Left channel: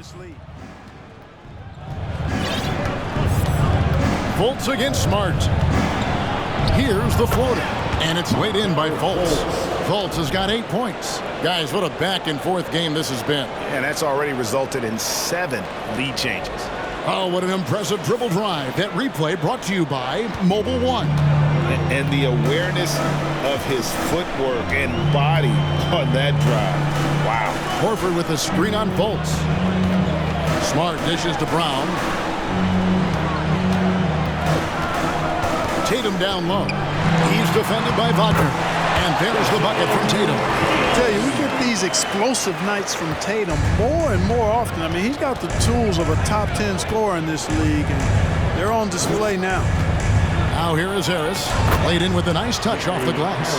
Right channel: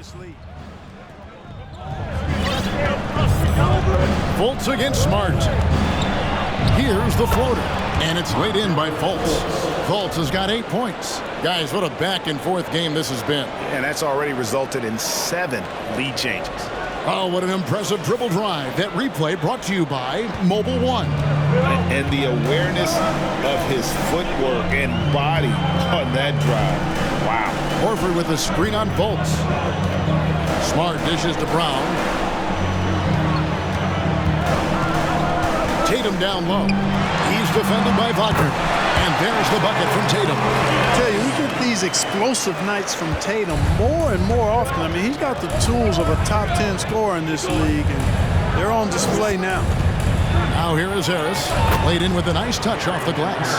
this league. Fultz against Smart. Here's the floater, and it's laid in by Fultz. Fultz has got 8 points. Guys, what a back-and-forth game this has been. And that's already resulted in 7 lead changes. Oh, what an impressive dribble drive. That replay brought to you by Mobile One. And the awareness of his footwork and body on that drive. Wow. Horford with a screen on Fultz. Smart dishes to Brown. Tatum down low. He's defended by Wagner. And there's the bucket from Tatum. I tell you, we get these explosive nights from Tatum more and more often. I mean, he's got the tools of a top 10 scorer in this league, and they're on display now. Now here is Harris. Laid in with a nice touch off the glass.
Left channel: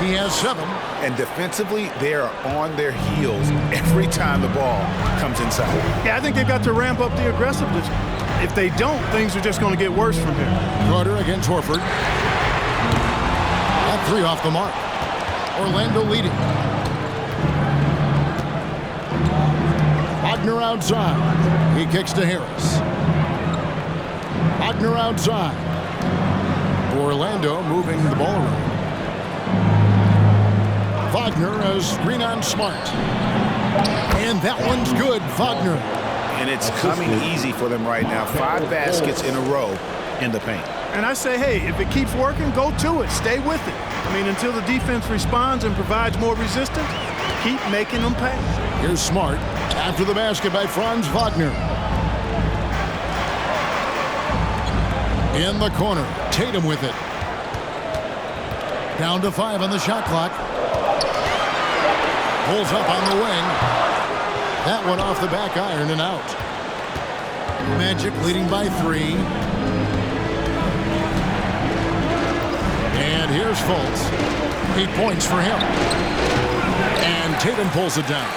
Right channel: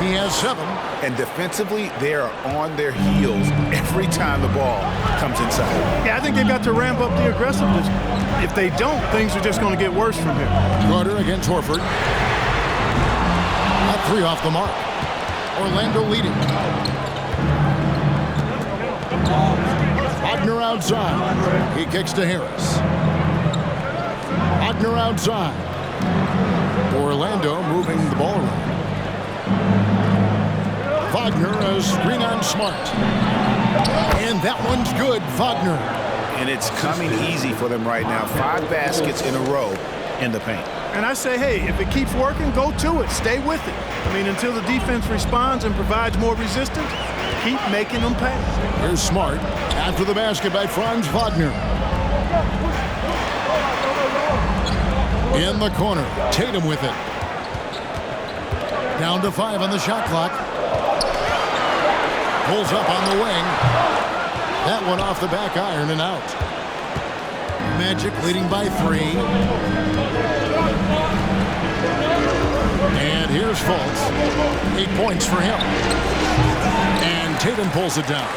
He has 7. And defensively, they are on their heels every time the ball comes inside. Yeah, I think they've got to ramp up the aggressiveness. If they don't, things are just going to get worse from here. Carter against Horford. That 3 off the mark. Orlando leading. Wagner outside. He kicks to Harris. Wagner outside. Orlando moving the ball around. Wagner a screen on Smart. And that one's good. Wagner. And it's coming easy for them right now. 5 baskets in a row in the paint. And I say, hey, if it keeps working, go to it. Stay with it. I mean, until the defense responds and provides more resistance, keep making them pay. Here's Smart after the basket by Franz Wagner. In the corner, Tatum with it. Down to 5 on the shot clock. Pulls up on the wing. That one off the back iron and out. Magic leading by 3. And here's Fultz. 8 points for him. And Tatum pulls it down.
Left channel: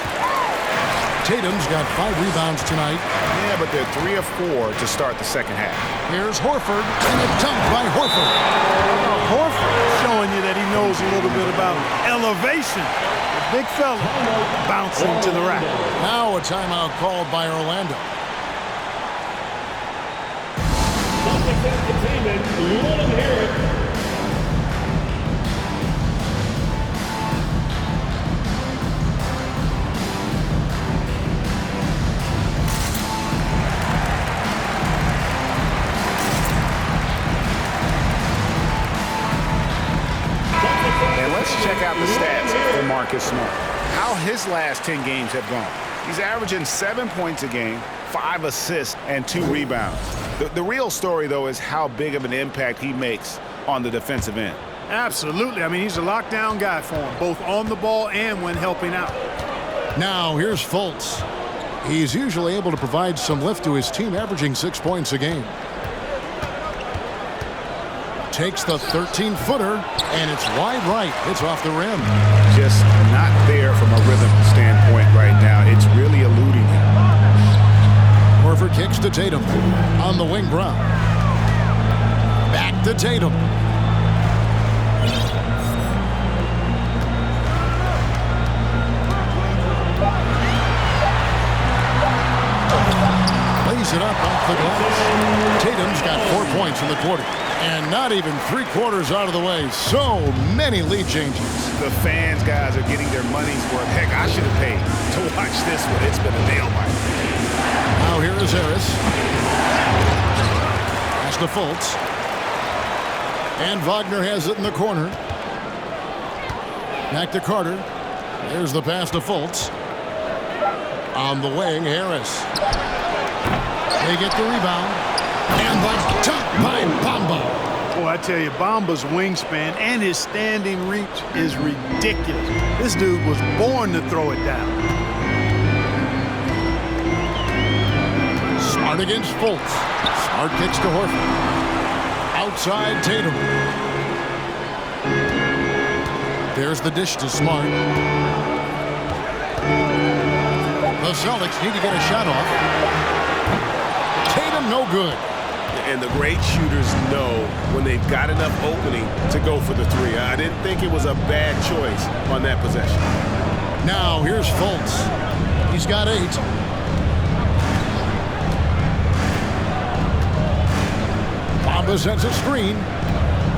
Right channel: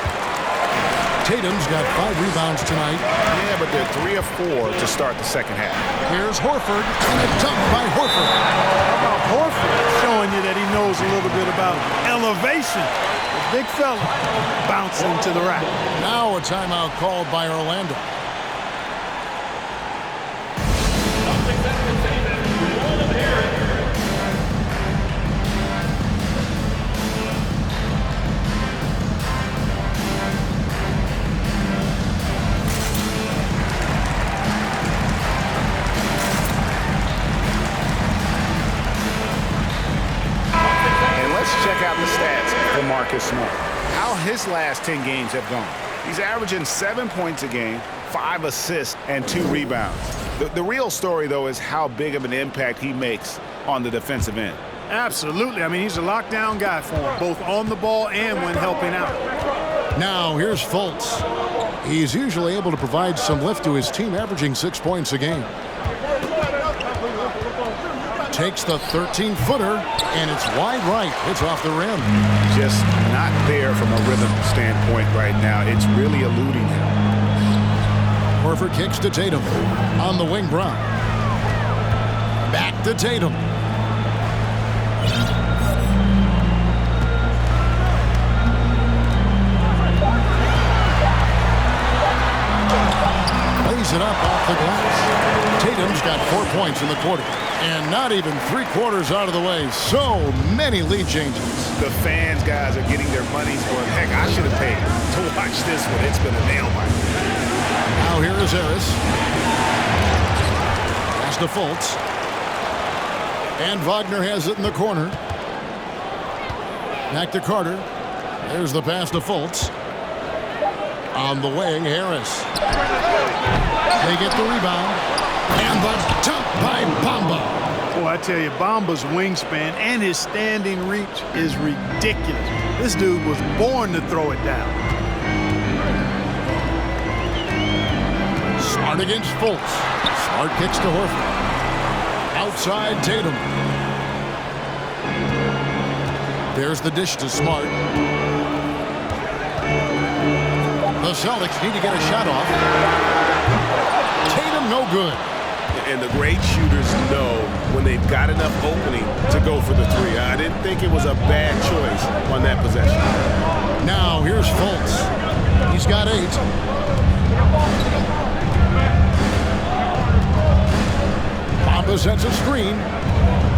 Tatum's got 5 rebounds tonight. Yeah, but they're 3 of 4 to start the second half. Here's Horford, and a dunk by Horford. How about Horford showing you that he knows a little bit about elevation? The big fella bouncing to the rack. Now a timeout called by Orlando. Check out the stats for Marcus Smart. How his last 10 games have gone. He's averaging 7 points a game, 5 assists, and 2 rebounds. The real story, though, is how big of an impact he makes on the defensive end. Absolutely. I mean, he's a lockdown guy for him, both on the ball and when helping out. Now here's Fultz. He's usually able to provide some lift to his team, averaging 6 points a game. Takes the 13-footer, and it's wide right. It's off the rim. Just not there from a rhythm standpoint right now. It's really eluding him. Horford kicks to Tatum. On the wing, Brown. Back to Tatum. Lays it up off the glass. Tatum's got 4 points in the quarter. And not even 3/4 out of the way. So many lead changes. The fans, guys, are getting their money's worth. Heck, I should have paid to watch this one. It's been a nail biter. Now here is Harris. Pass to Fultz. And Wagner has it in the corner. Back to Carter. There's the pass to Fultz. On the wing, Harris. They get the rebound. And the dunk by Bamba. Boy, I tell you, Bamba's wingspan and his standing reach is ridiculous. This dude was born to throw it down. Smart against Fultz. Smart kicks to Horford. Outside Tatum. There's the dish to Smart. The Celtics need to get a shot off. Tatum no good. And the great shooters know when they've got enough opening to go for the 3. I didn't think it was a bad choice on that possession. Now here's Fultz. He's got 8. Bamba sets a screen.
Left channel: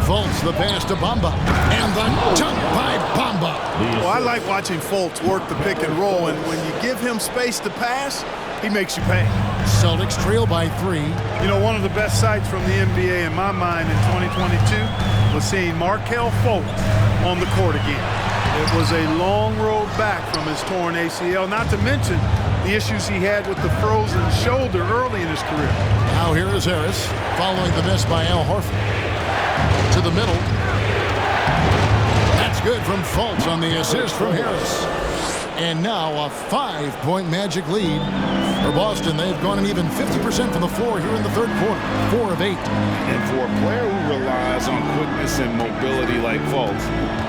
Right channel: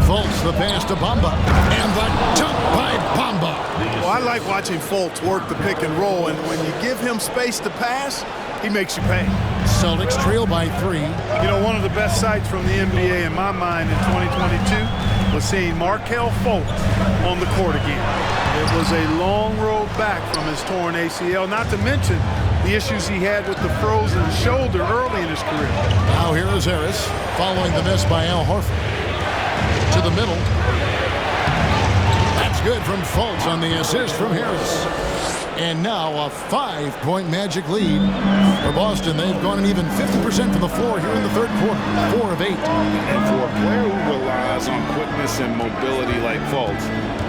Fultz the pass to Bamba. And the dunk by Bamba. Well, I like watching Fultz work the pick and roll, and when you give him space to pass, he makes you pay. Celtics trail by 3. You know, one of the best sights from the NBA in my mind in 2022 was seeing Markelle Fultz on the court again. It was a long road back from his torn ACL, not to mention the issues he had with the frozen shoulder early in his career. Now here is Harris following the miss by Al Horford. To the middle. That's good from Fultz on the assist from Harris. And now a 5-point Magic lead for Boston. They've gone an even 50% from the floor here in the third quarter. 4 of 8. And for a player who relies on quickness and mobility like Fultz,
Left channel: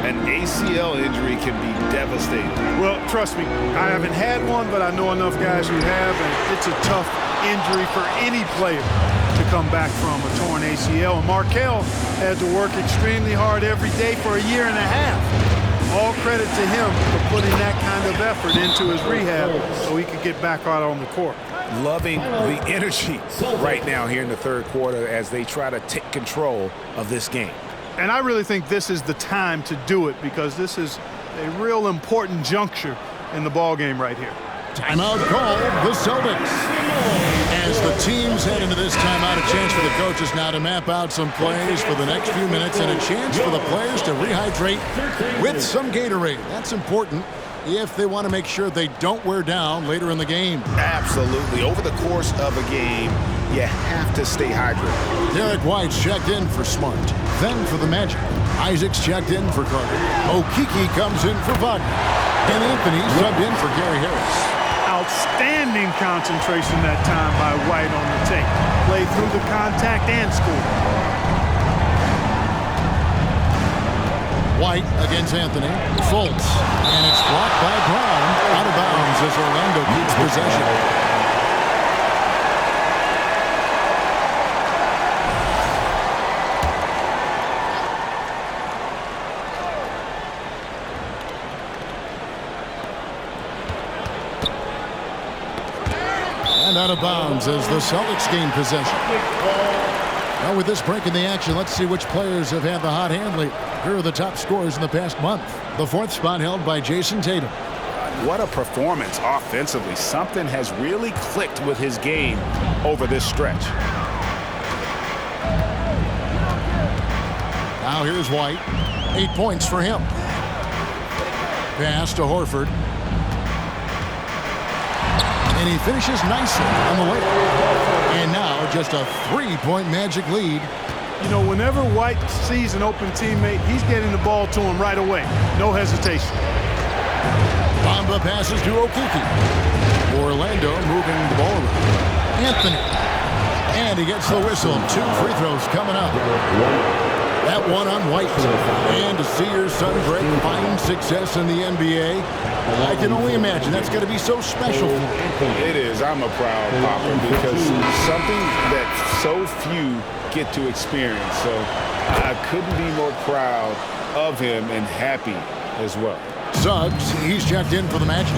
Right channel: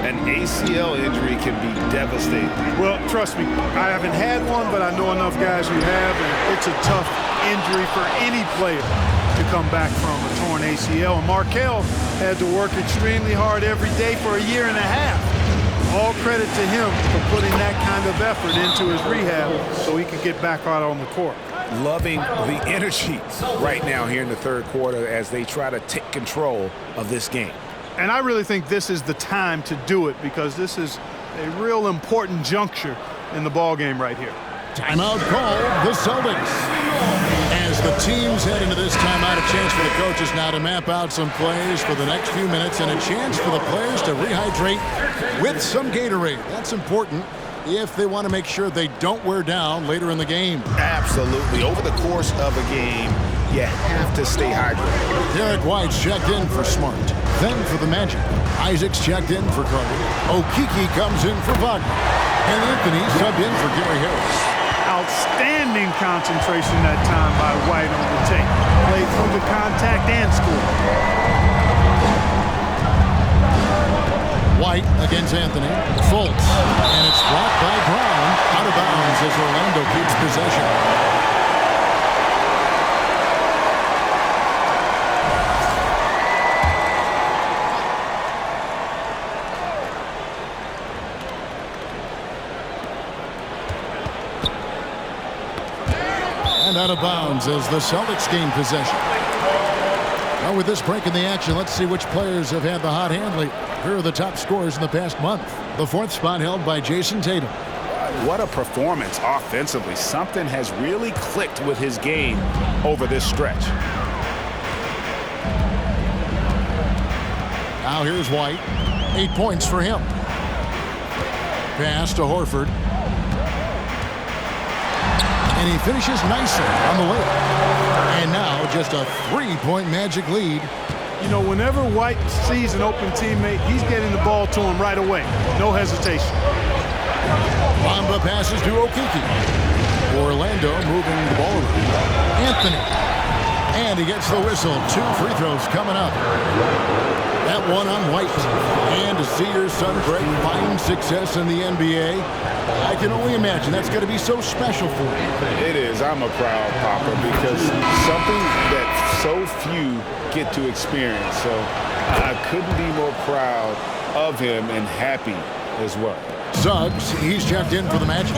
an ACL injury can be devastating. Well, trust me, I haven't had one, but I know enough guys who have, and it's a tough injury for any player to come back from a torn ACL. And Markelle had to work extremely hard every day for a year and a half. All credit to him for putting that kind of effort into his rehab so he could get back out on the court. Loving the energy right now here in the third quarter as they try to take control of this game. And I really think this is the time to do it because this is a real important juncture in the ball game right here. Timeout called the Celtics. As the teams head into this timeout, a chance for the coaches now to map out some plays for the next few minutes and a chance for the players to rehydrate with some Gatorade. That's important if they want to make sure they don't wear down later in the game. Absolutely. Over the course of a game, you have to stay hydrated. Derek White's checked in for Smart. Then for the Magic. Isaac's checked in for Carter. Okeke comes in for Wagner. And Anthony subbed in for Gary Harris. Outstanding concentration that time by White on the tape. Played through the contact and scored. White against Anthony. Fultz. And it's blocked by Brown. Out of bounds as Orlando keeps possession. And out of bounds as the Celtics gain possession. Now with this break in the action, let's see which players have had the hot hand lately. Here are the top scorers in the past month. The 4th spot held by Jason Tatum. What a performance offensively. Something has really clicked with his game over this stretch. Now here's White. 8 points for him. Pass to Horford. And he finishes nicely on the way. And now just a 3-point Magic lead. You know, whenever White sees an open teammate, he's getting the ball to him right away. No hesitation. Bamba passes to Okeke. Orlando moving the ball around. Anthony. And he gets the whistle. 2 free throws coming up. That one on White. And to see your son Greg find success in the NBA, I can only imagine that's going to be so special for him. It is. I'm a proud papa because something that so few get to experience. So I couldn't be more proud of him and happy as well. Suggs, he's checked in for the Magic.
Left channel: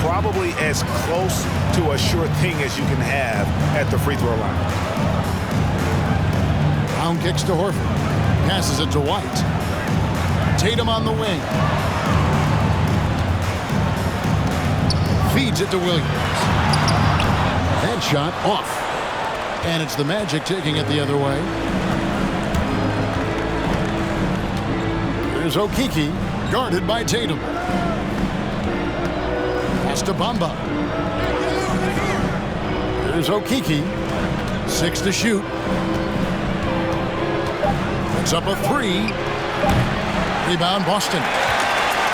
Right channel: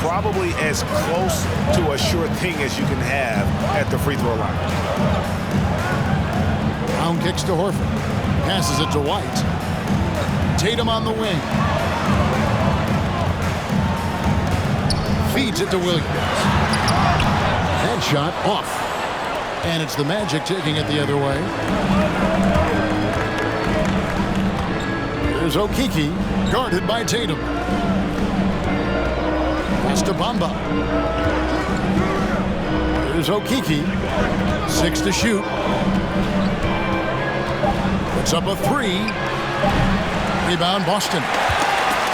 Probably as close to a sure thing as you can have at the free throw line. Brown kicks to Horford. Passes it to White. Tatum on the wing. Feeds it to Williams. Headshot off. And it's the Magic taking it the other way. Here's Okeke, guarded by Tatum. Pass to Bamba. Here's Okeke. 6 to shoot. Puts up a 3. Rebound Boston.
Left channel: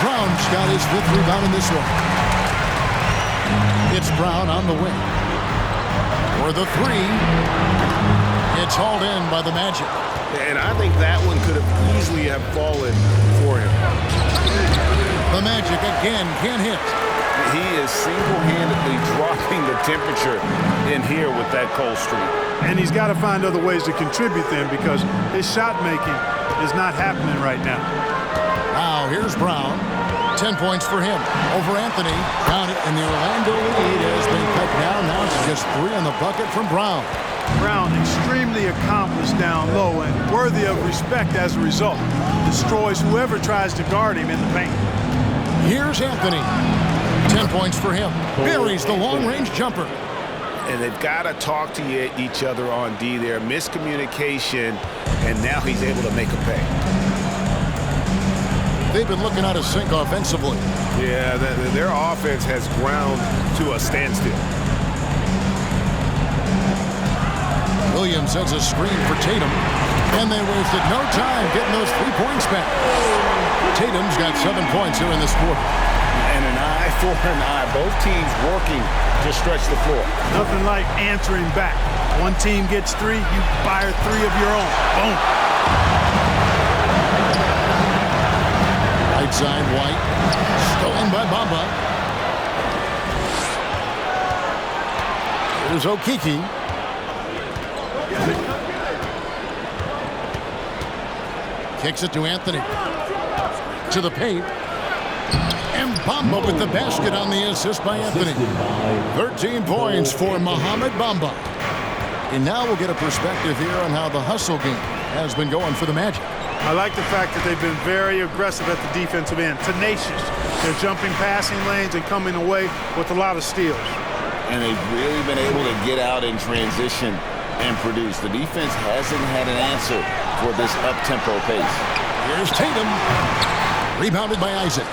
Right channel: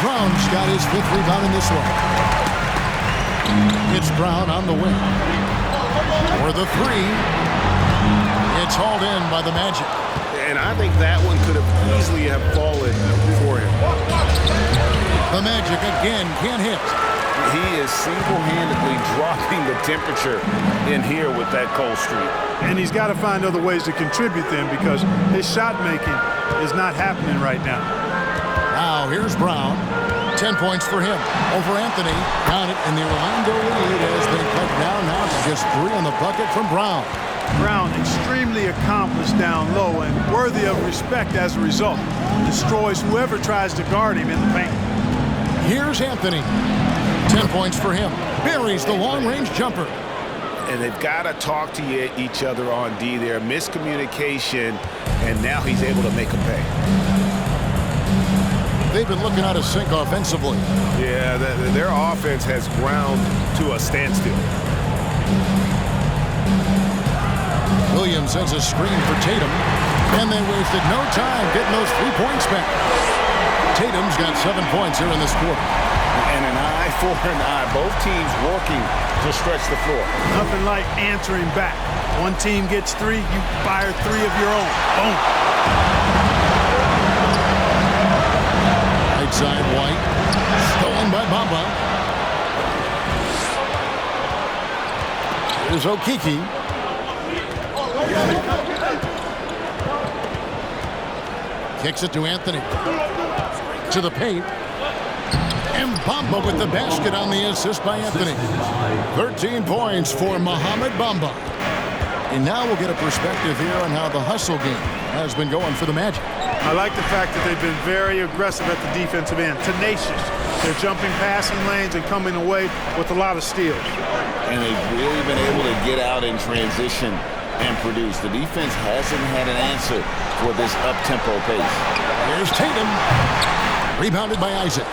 Brown's got his 5th rebound in this one. It's Brown on the wing. For the 3. It's hauled in by the Magic. And I think that one could have easily have fallen for him. The Magic again can't hit. He is single-handedly dropping the temperature in here with that cold streak. And he's got to find other ways to contribute then because his shot making is not happening right now. Now here's Brown. 10 points for him over Anthony. Down it, and the Orlando lead has been cut down now to just 3 on the bucket from Brown. Brown extremely accomplished down low and worthy of respect as a result. Destroys whoever tries to guard him in the paint. Here's Anthony. 10 points for him. Buries the long-range jumper. And they've got to talk to each other on D there. Miscommunication, and now he's able to make a pay. They've been looking out of sync offensively. Yeah, their offense has ground to a standstill. Williams sends a screen for Tatum, and they wasted no time getting those 3 points back. Tatum's got 7 points here in this quarter. And an eye for an eye. Both teams working to stretch the floor. Nothing like answering back. One team gets 3, you fire 3 of your own. Boom. Right side, White. Stolen by Bamba. Here's Okeke. Kicks it to Anthony. To the paint. And Bamba with the basket on the assist by Anthony. 13 points for Mohamed Bamba. And now we'll get a perspective here on how the hustle game has been going for the Magic. I like the fact that they've been very aggressive at the defensive end. Tenacious. They're jumping passing lanes and coming away with a lot of steals. And they've really been able to get out in transition and produce. The defense hasn't had an answer for this up-tempo pace. Here's Tatum. Rebounded by Isaac.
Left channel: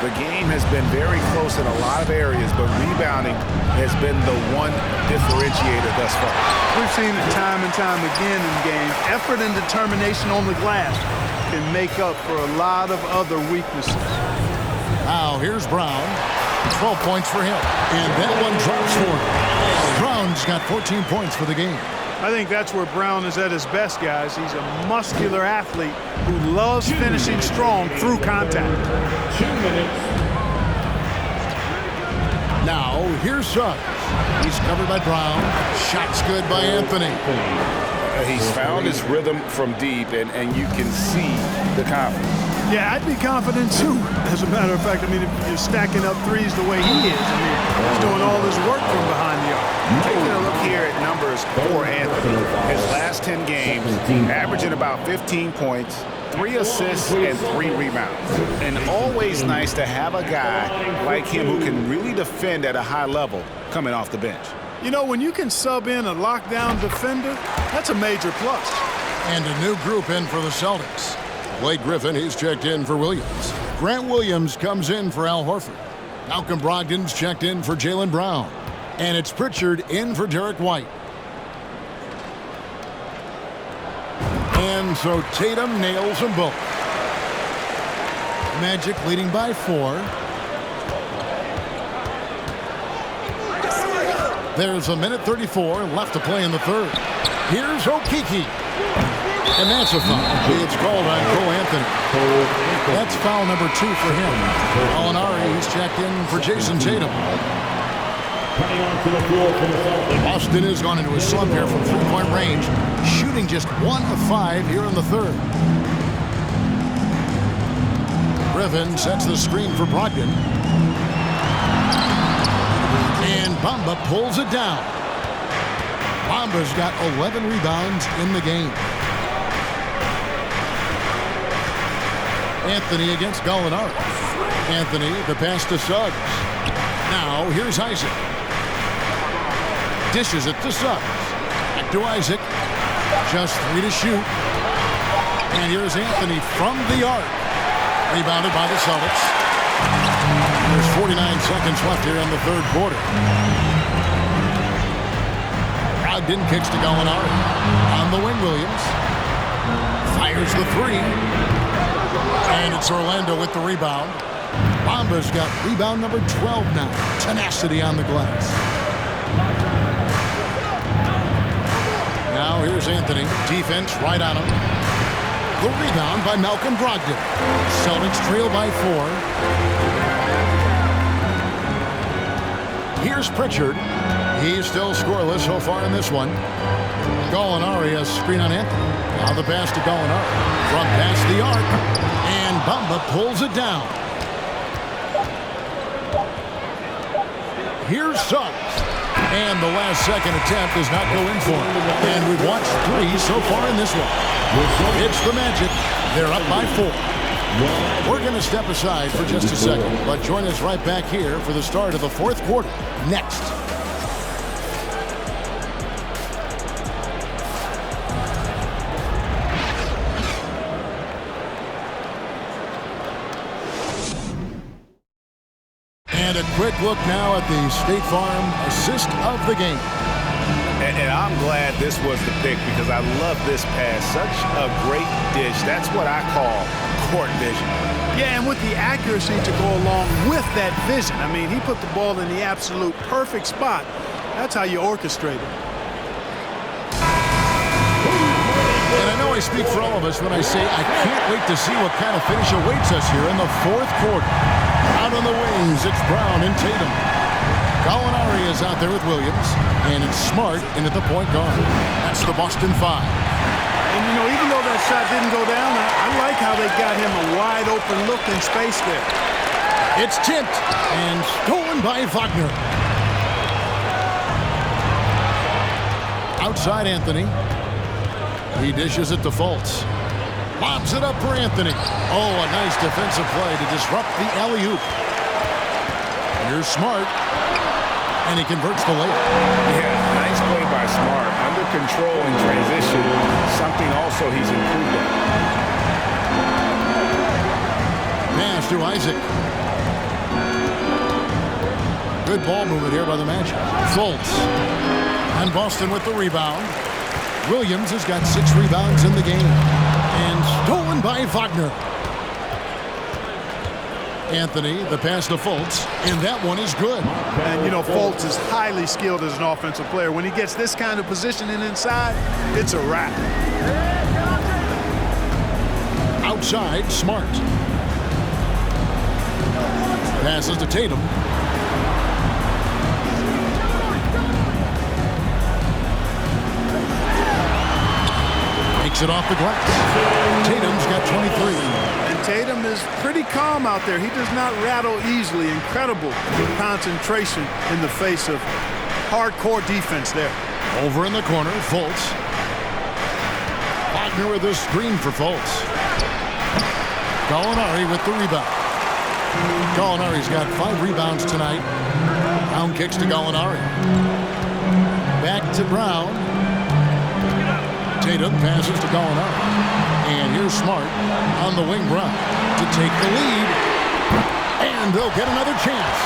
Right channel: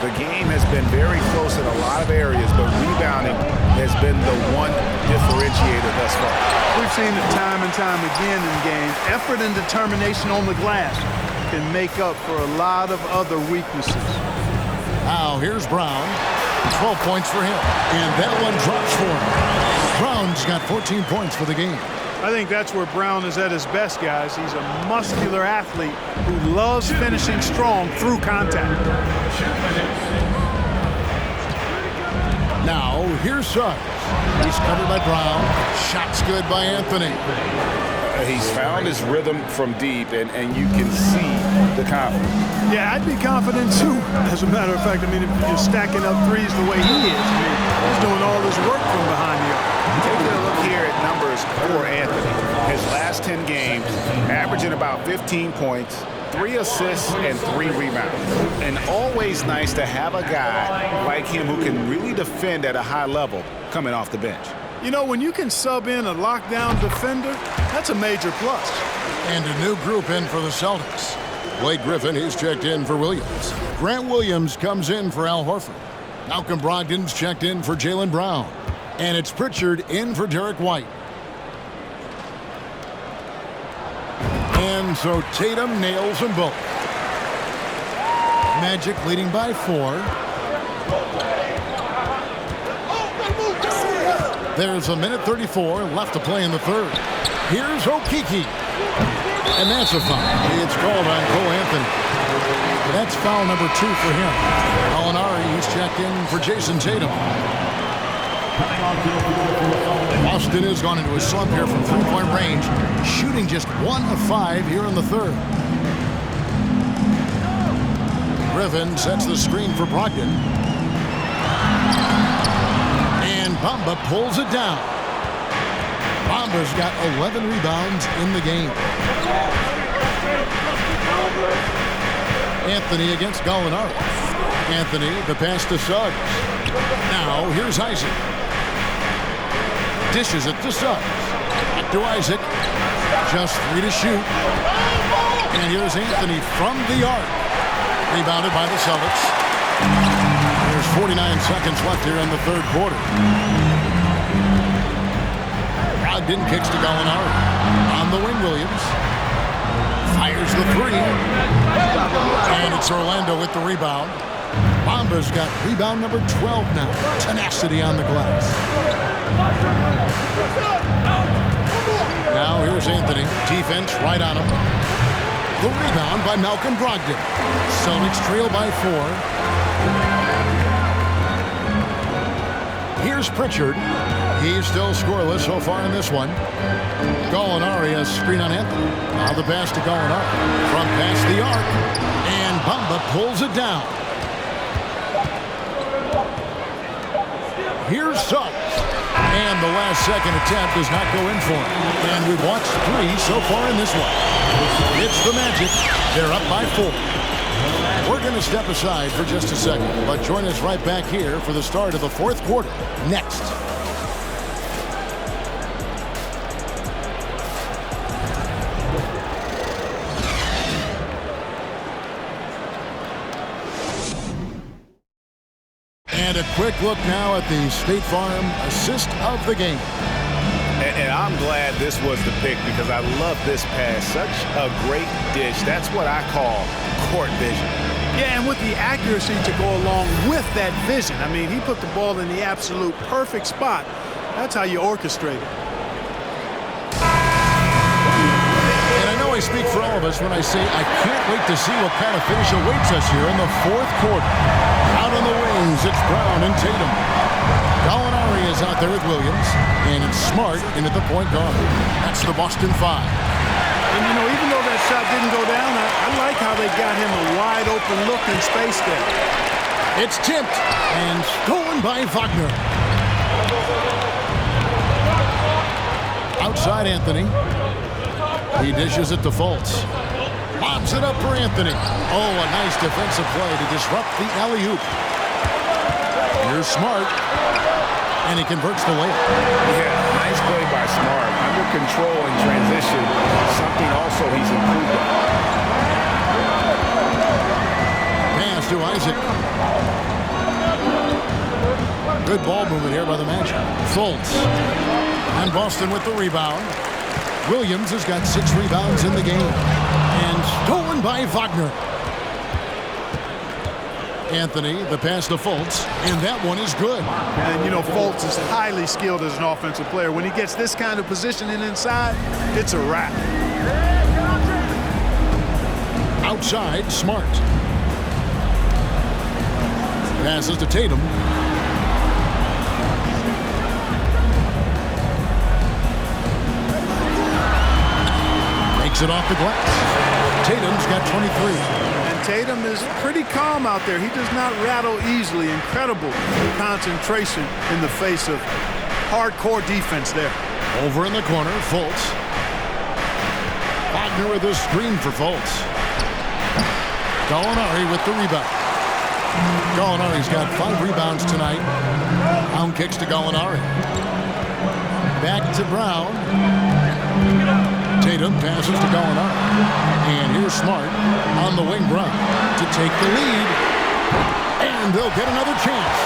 The game has been very close in a lot of areas, but rebounding has been the one differentiator thus far. We've seen it time and time again in games. Effort and determination on the glass can make up for a lot of other weaknesses. Now here's Brown. 12 points for him. And that one drops for him. Brown's got 14 points for the game. I think that's where Brown is at his best, guys. He's a muscular athlete who loves finishing strong through contact. Now, here's Suggs. He's covered by Brown. Shot's good by Anthony. He's found his rhythm from deep, and you can see the confidence. Yeah, I'd be confident too. As a matter of fact, I mean, if you're stacking up threes the way he is, I mean, he's doing all his work from behind the arc. Taking a look here at numbers for Anthony. His last 10 games, averaging about 15 points, 3 assists, and 3 rebounds. And always nice to have a guy like him who can really defend at a high level coming off the bench. You know, when you can sub in a lockdown defender, that's a major plus. And a new group in for the Celtics. Blake Griffin, he's checked in for Williams. Grant Williams comes in for Al Horford. Malcolm Brogdon's checked in for Jaylen Brown. And it's Pritchard in for Derek White. And so Tatum nails them both. Magic leading by 4. There's a minute 34 left to play in the third. Here's Okeke. And that's a foul. It's called on Cole Anthony. That's foul number 2 for him. Gallinari, he's checked in for Jason Tatum. Boston has gone into a slump here from 3-point range, shooting just 1 of 5 here in the third. Griffin sets the screen for Brogdon. And Bamba pulls it down. Bamba's got 11 rebounds in the game. Anthony against Gallinari. Anthony, the pass to Suggs. Now, here's Isaac. Dishes it to Suggs. Back to Isaac. Just 3 to shoot. And here's Anthony from the arc. Rebounded by the Celtics. There's 49 seconds left here in the third quarter. Brogdon kicks to Gallinari. On the wing, Williams. Fires the 3. And it's Orlando with the rebound. Bamba's got rebound number 12 now. Tenacity on the glass. Now here's Anthony. Defense right on him. The rebound by Malcolm Brogdon. Celtics trail by 4. Here's Pritchard. He's still scoreless so far in this one. Gallinari, a screen on Anthony. Now the pass to Gallinari. From past the arc. And Bamba pulls it down. Here's Suggs. And the last-second attempt does not go in for him. And we've watched 3 so far in this one. It's the Magic. They're up by 4. We're going to step aside for just a second, but join us right back here for the start of the 4th quarter next. And a quick look now at the State Farm assist of the game. And I'm glad this was the pick because I love this pass. Such a great dish. That's what I call court vision. Yeah, and with the accuracy to go along with that vision. I mean, he put the ball in the absolute perfect spot. That's how you orchestrate it. And I know I speak for all of us when I say I can't wait to see what kind of finish awaits us here in the 4th quarter. Out on the wings, it's Brown and Tatum. Gallinari is out there with Williams, and it's Smart in at the point guard. That's the Boston 5. And, you know, even though that shot didn't go down, I like how they got him a wide-open look in space there. It's tipped and stolen by Wagner. Outside Anthony. He dishes it to Fultz. Lobs it up for Anthony. Oh, a nice defensive play to disrupt the alley-oop. Here's Smart. And he converts the layup. Yeah, nice play by Smart. Under control in transition, something also he's improved on. Pass to Isaac. Good ball movement here by the Magic. Fultz. And Boston with the rebound. Williams has got 6 rebounds in the game. And stolen by Wagner. Anthony, the pass to Fultz, and that one is good. And, you know, Fultz is highly skilled as an offensive player. When he gets this kind of positioning inside, it's a wrap. Outside, Smart. Passes to Tatum. Makes it off the glass. Tatum's got 23. And Tatum is pretty calm out there. He does not rattle easily. Incredible concentration in the face of hardcore defense there. Over in the corner, Fultz. Wagner with a screen for Fultz. Gallinari with the rebound. Gallinari's got 5 rebounds tonight. Brown kicks to Gallinari. Back to Brown. Tatum passes to Gallinari. And here's Smart on the wing. Brown to take the lead. And they'll get another chance.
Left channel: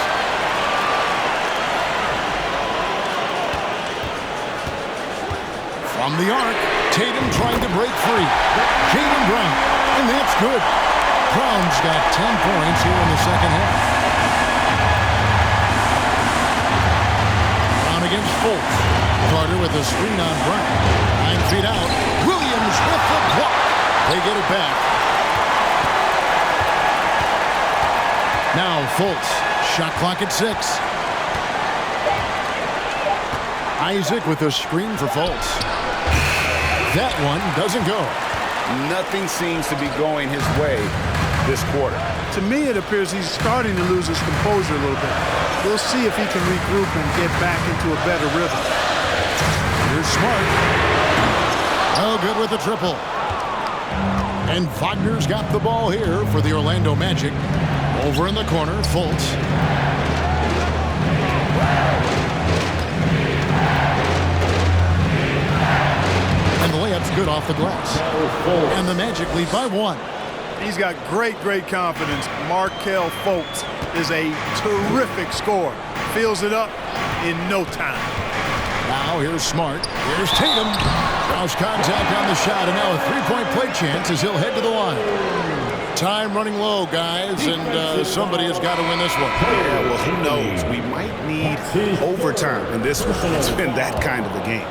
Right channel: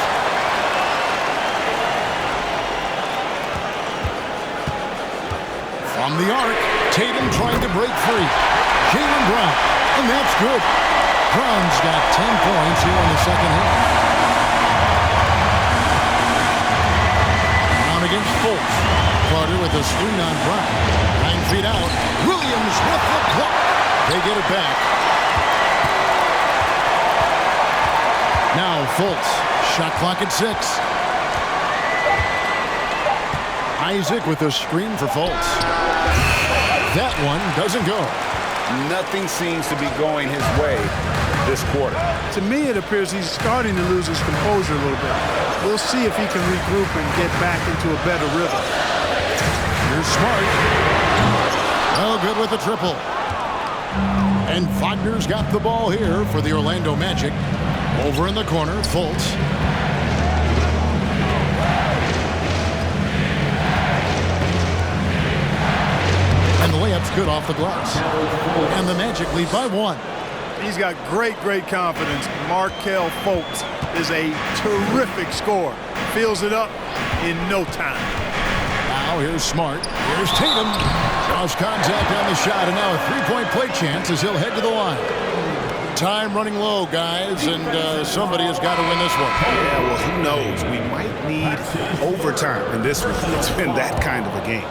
From the arc, Tatum trying to break free. Jaylen Brown, and that's good. Brown's got 10 points here in the second half. Brown against Fultz. Carter with a screen on Brown. 9 feet out. Williams with the block. They get it back. Now Fultz. Shot clock at 6. Isaac with a screen for Fultz. That one doesn't go. Nothing seems to be going his way this quarter. To me, it appears he's starting to lose his composure a little bit. We'll see if he can regroup and get back into a better rhythm. Here's Smart. Oh, good with the triple. And Wagner's got the ball here for the Orlando Magic. Over in the corner, Fultz. And the layup's good off the glass. And the Magic lead by 1. He's got great confidence. Markelle Fultz is a terrific scorer. Fills it up in no time. Now here's Smart. Here's Tatum. Draws contact on the shot, and now a 3-point play chance as he'll head to the line. Time running low, guys, and somebody has got to win this one. Yeah, well, who knows? We might need overtime in this one. It's been that kind of a game.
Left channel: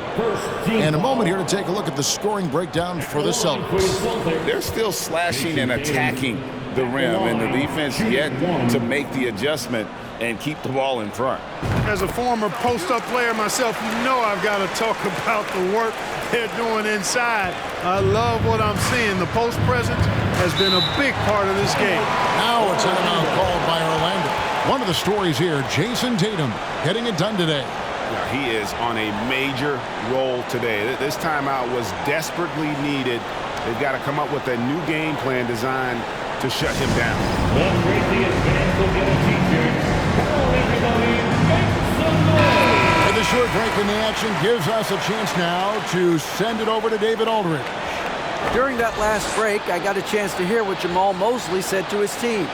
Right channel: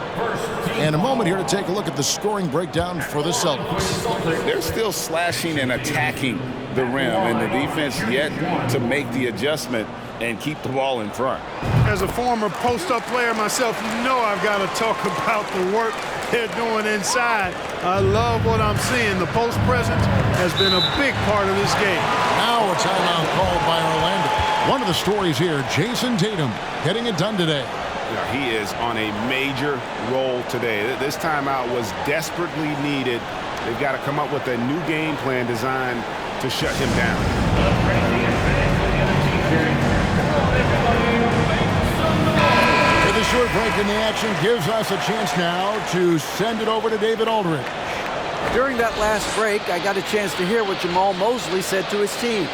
And a moment here to take a look at the scoring breakdown for the Celtics. They're still slashing and attacking the rim, and the defense yet to make the adjustment and keep the ball in front. As a former post-up player myself, you know I've got to talk about the work they're doing inside. I love what I'm seeing. The post presence has been a big part of this game. Now a timeout called by Orlando. One of the stories here, Jason Tatum getting it done today. Now, he is on a major roll today. This timeout was desperately needed. They've got to come up with a new game plan designed to shut him down. With a short break in the action gives us a chance now to send it over to David Aldridge. During that last break, I got a chance to hear what Jamal Mosley said to his team.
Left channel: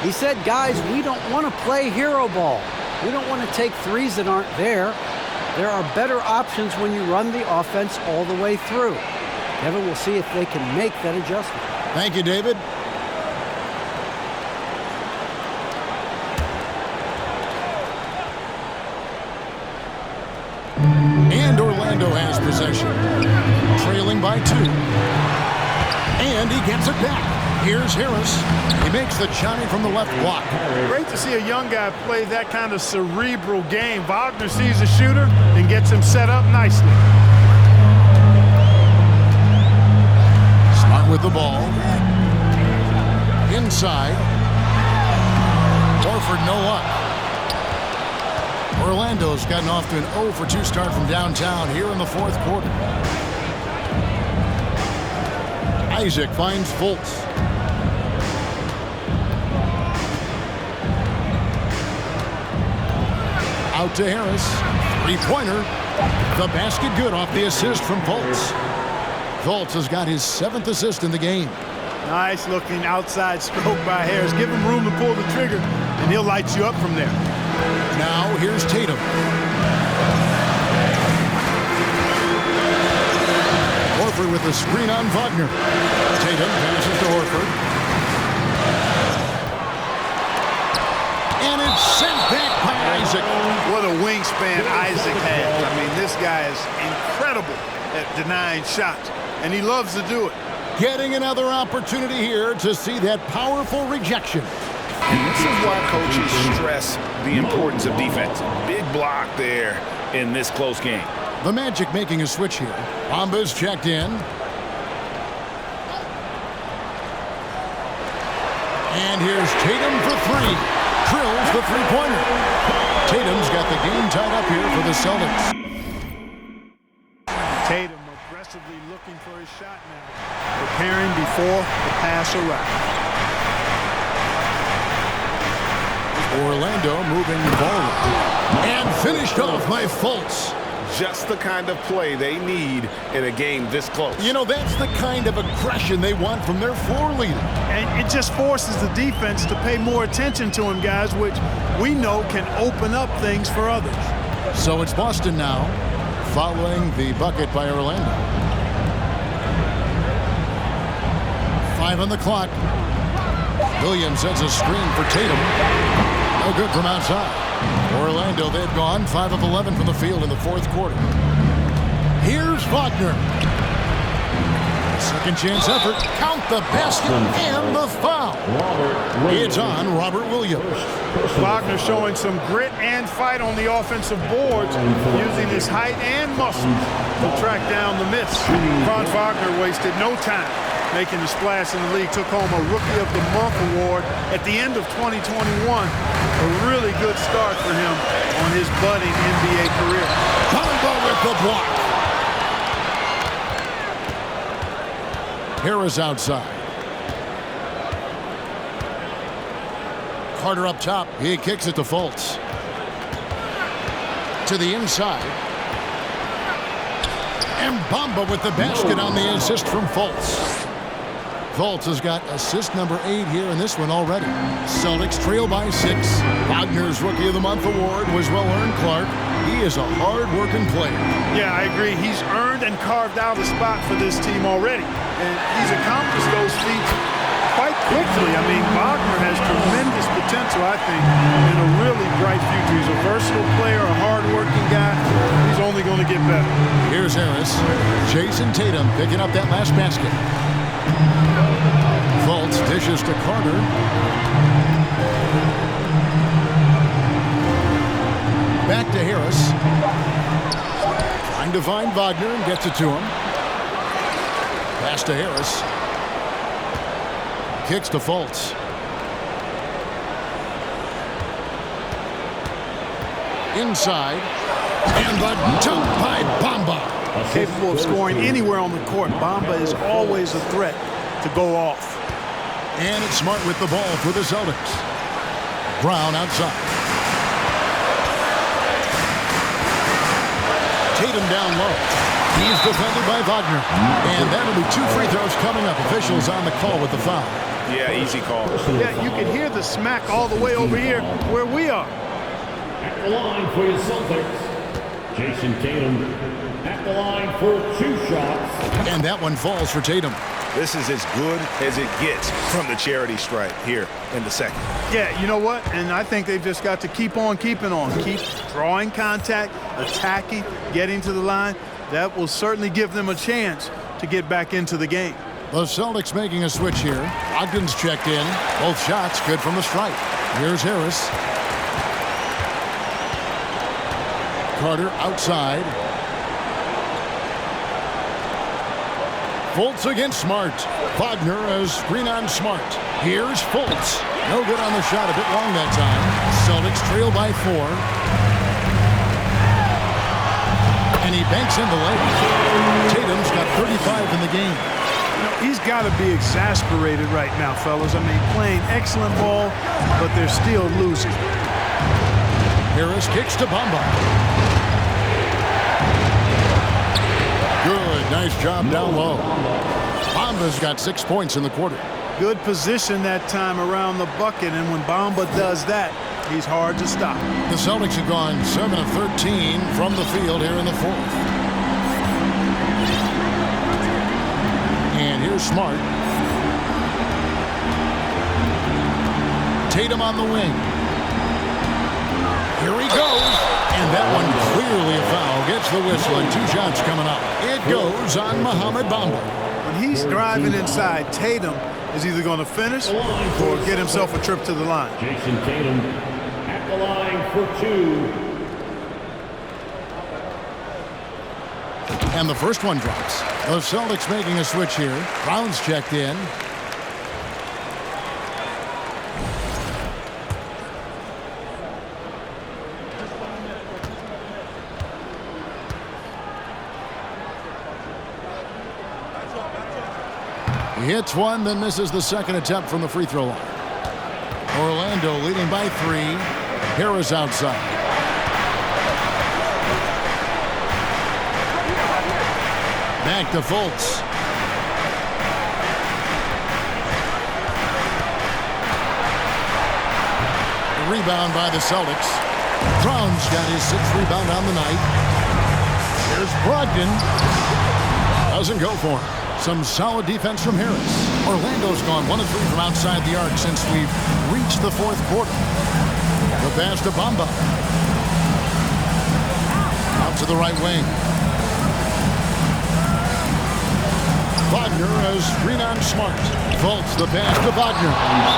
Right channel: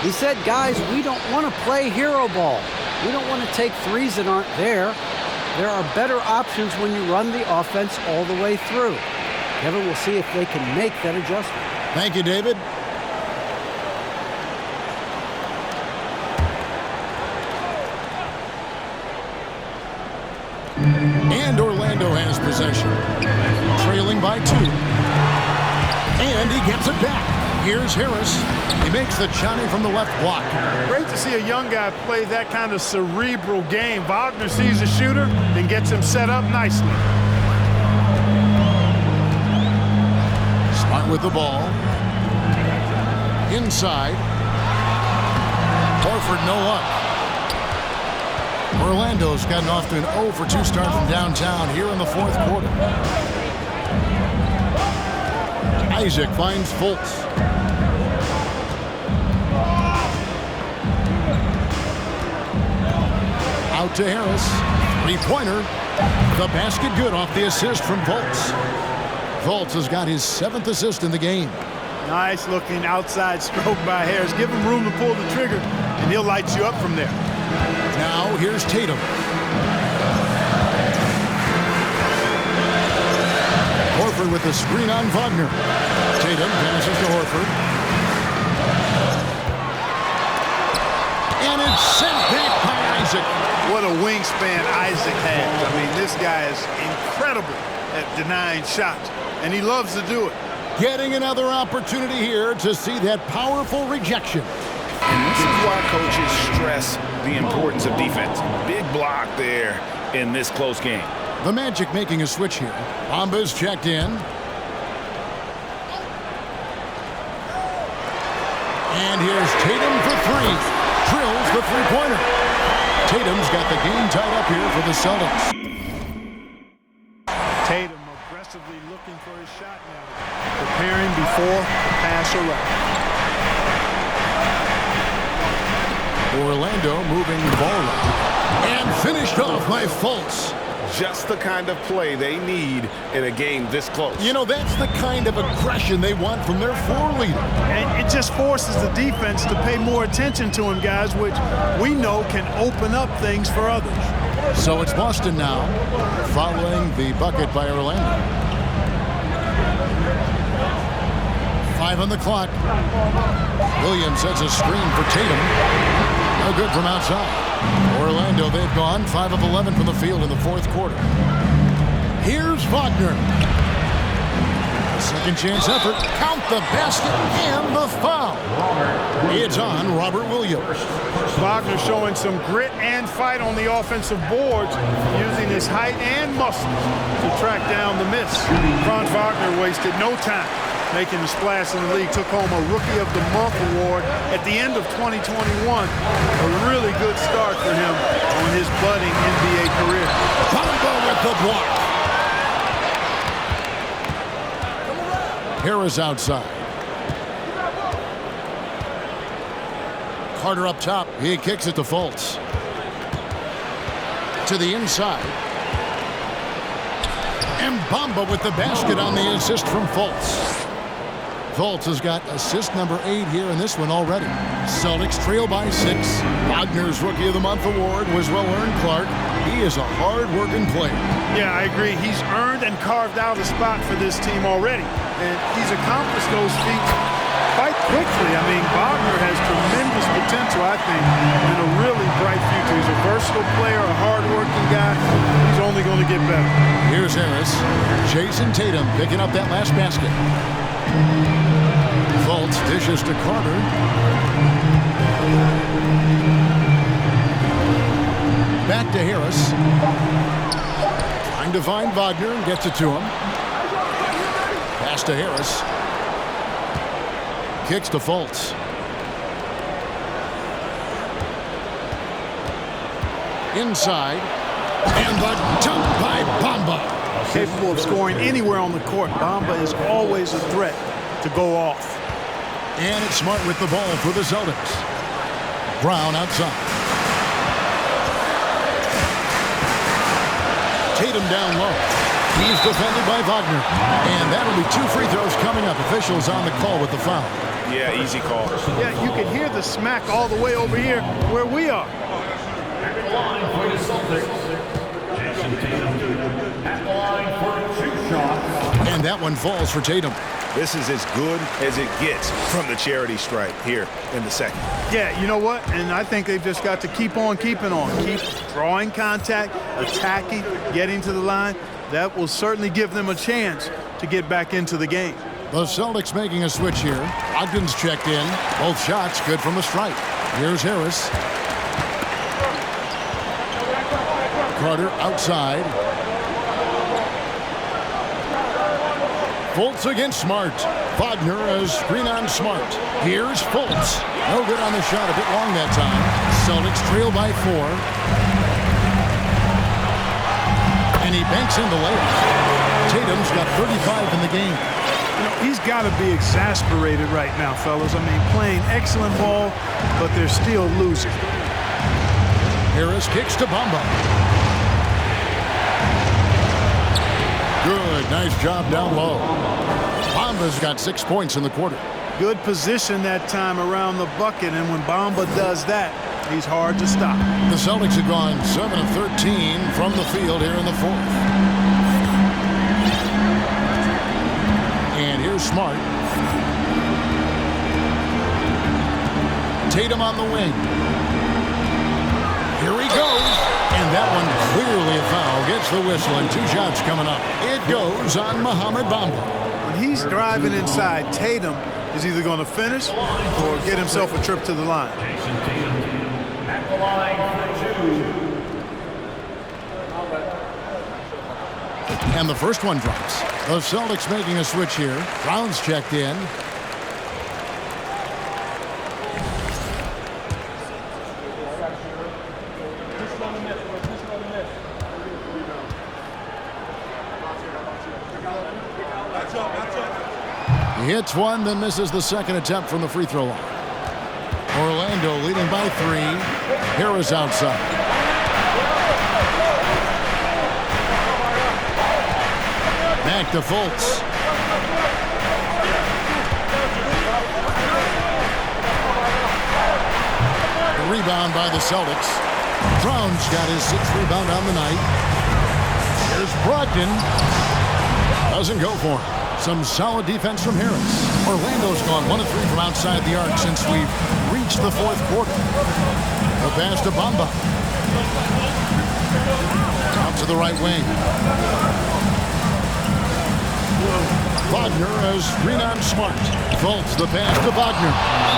He said, guys, we don't want to play hero ball. We don't want to take threes that aren't there. There are better options when you run the offense all the way through. Kevin, we'll see if they can make that adjustment. Thank you, David. And Orlando has possession. Trailing by 2. And he gets it back. Here's Harris. He makes the Johnny from the left block. Great to see a young guy play that kind of cerebral game. Wagner sees a shooter and gets him set up nicely. Smart with the ball. Inside. Horford, no luck. Orlando's gotten off to an 0 for 2 start from downtown here in the fourth quarter. Isaac finds Fultz. Out to Harris. Three-pointer. The basket good off the assist from Fultz. Fultz has got his 7th assist in the game. Nice looking outside stroke by Harris. Give him room to pull the trigger, and he'll light you up from there. Now here's Tatum. Horford with the screen on Wagner. Tatum passes to Horford. And it's sent back by Isaac. What a wingspan Isaac has. I mean, this guy is incredible at denying shots, and he loves to do it. Getting another opportunity here to see that powerful rejection. And this is why coaches stress the importance of defense. Big block there in this close game. The Magic making a switch here. Bamba's checked in. And here's Tatum for 3. Drills the three-pointer. Tatum's got the game tied up here for the Celtics. Tatum aggressively looking for his shot now. Preparing before the pass arrives. Orlando moving the ball up. And finished off by Fultz. Just the kind of play they need in a game this close. You know, that's the kind of aggression they want from their floor leader. And it just forces the defense to pay more attention to him, guys, which we know can open up things for others. So it's Boston now, following the bucket by Orlando. 5 on the clock. Williams sets a screen for Tatum. No good from outside. Orlando, they've gone 5 of 11 from the field in the fourth quarter. Here's Wagner. Second chance effort. Count the basket and the foul. It's on Robert Williams. Wagner showing some grit and fight on the offensive boards, using his height and muscles to track down the miss. Franz Wagner wasted no time making the splash in the league. Took home a Rookie of the Month award at the end of 2021. A really good start for him on his budding NBA career. Bamba with the block. Harris outside. Carter up top. He kicks it to Fultz. To the inside. And Bamba with the basket on the assist from Fultz. Fultz has got assist number 8 here in this one already. Celtics trail by 6. Wagner's Rookie of the Month award was well-earned, Clark. He is a hard-working player. Yeah, I agree. He's earned and carved out a spot for this team already. And he's accomplished those feats quite quickly. I mean, Wagner has tremendous potential, I think, and a really bright future. He's a versatile player, a hard-working guy. He's only going to get better. Here's Harris. Jason Tatum picking up that last basket. Fultz dishes to Carter. Back to Harris. Trying to find Wagner and gets it to him. Pass to Harris. Kicks to Fultz. Inside. And the dunk by Bamba. Capable of scoring anywhere on the court. Bamba is always a threat to go off. And it's Smart with the ball for the Celtics. Brown outside. Tatum down low. He's defended by Wagner. And that'll be 2 free throws coming up. Officials on the call with the foul. Yeah, easy call. Yeah, you can hear the smack all the way over here where we are. At the line for the Celtics, Jason Tatum. At the line for 2 shots. And that one falls for Tatum. This is as good as it gets from the charity stripe here in the second. Yeah, you know what? And I think they've just got to keep on keeping on. Keep drawing contact, attacking, getting to the line. That will certainly give them a chance to get back into the game. The Celtics making a switch here. Ogden's checked in. Both shots good from the stripe. Here's Harris. Carter outside. Fultz against Smart. Wagner as screen on Smart. Here's Fultz. No good on the shot, a bit long that time. Celtics trail by 4. And he banks in the layup. Tatum's got 35 in the game. You know, he's got to be exasperated right now, fellas. I mean, playing excellent ball, but they're still losing. Harris kicks to Bamba. Good, nice job down low. Bamba's got 6 points in the quarter. Good position that time around the bucket, and when Bamba does that, he's hard to stop. The Celtics have gone 7 of 13 from the field here in the 4th. And here's Smart. Tatum on the wing. Here he goes. And that one clearly a foul. Gets the whistle and 2 shots coming up. It goes on Mohamed Bamba. When he's driving inside, Tatum is either going to finish or get himself a trip to the line. Jason Tatum at the line for 2. And the first one drops. The Celtics making a switch here. Brown's checked in. He hits one, then misses the second attempt from the free throw line. Orlando leading by 3. Harris outside. Back to Fultz. The rebound by the Celtics. Brown's got his 6th rebound on the night. Here's Brogdon. Doesn't go for him. Some solid defense from Harris. Orlando's gone 1 of 3 from outside the arc since we've reached the 4th quarter. The pass to Bamba. Out to the right wing. Wagner as screen on Smart. Fultz the pass to Wagner.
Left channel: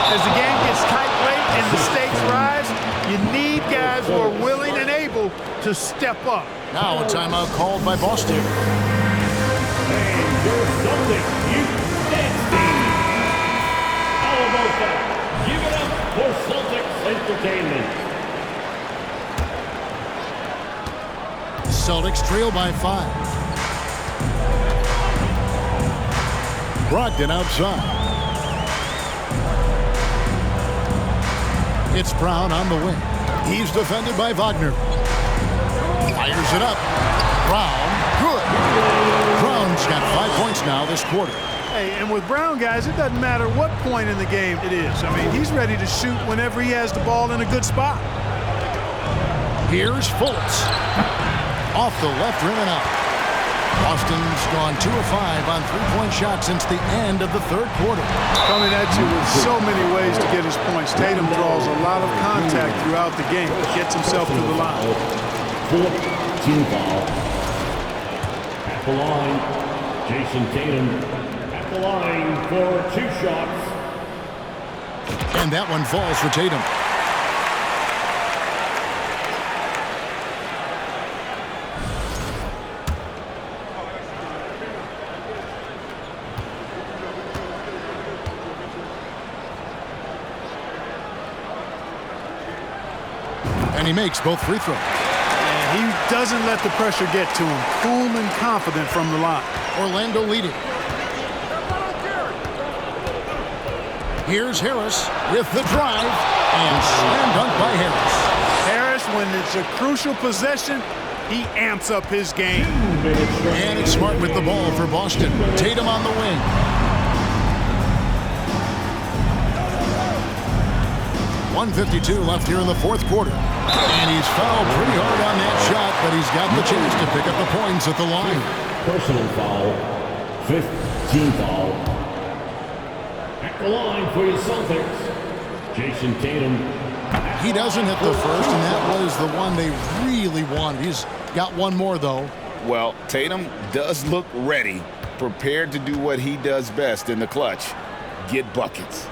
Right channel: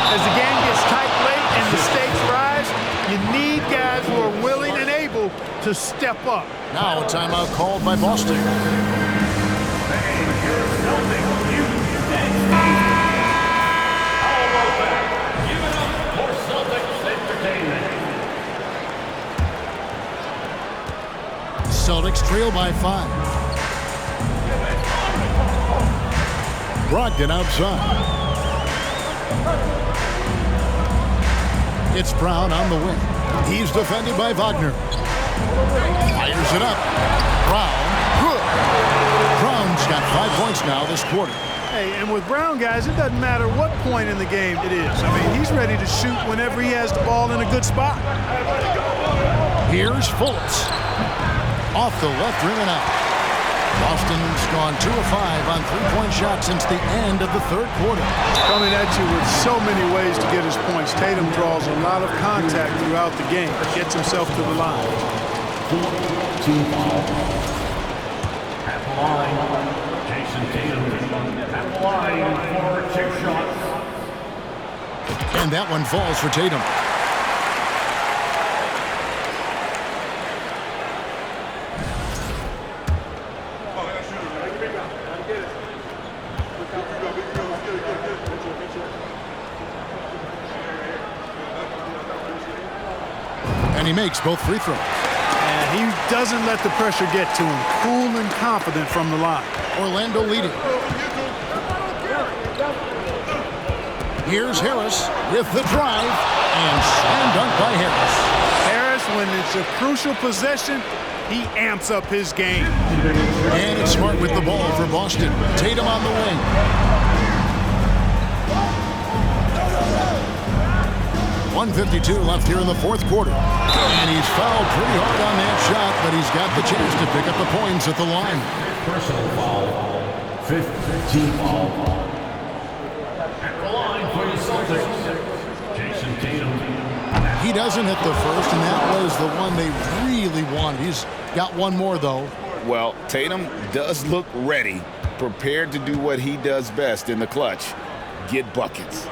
As the game gets tight late and the stakes rise, you need guys who are willing and able to step up. Now a timeout called by Boston. Give it up for Celtics Entertainment. Celtics trail by 5. Brogdon outside. It's Brown on the wing. He's defended by Wagner. Fires it up. Brown, good. Brown's got 5 points now this quarter. Hey, and with Brown, guys, it doesn't matter what point in the game it is. I mean, he's ready to shoot whenever he has the ball in a good spot. Here's Fultz. Off the left rim and out. Boston's gone 2 of 5 on 3-point shots since the end of the 3rd quarter. Coming at you with so many ways to get his points. Tatum draws a lot of contact throughout the game. Gets himself to the line. At the line, Jason Tatum. At the line for 2 shots. And that one falls for Tatum. And he makes both free throws. He doesn't let the pressure get to him. Cool and confident from the line. Orlando leading. Here's Harris with the drive, and slam dunk by Harris. Harris, when it's a crucial possession, he amps up his game. And it's Smart with the ball for Boston. Tatum on the wing. .152 left here in the fourth quarter. And he's fouled pretty hard on that shot, but he's got the chance to pick up the points at the line. Personal foul. 15 foul. At the line for your Celtics, Jason Tatum. He doesn't hit the first, and that was the one they really wanted. He's got one more, though. Well, Tatum does look ready, prepared to do what he does best in the clutch, get buckets.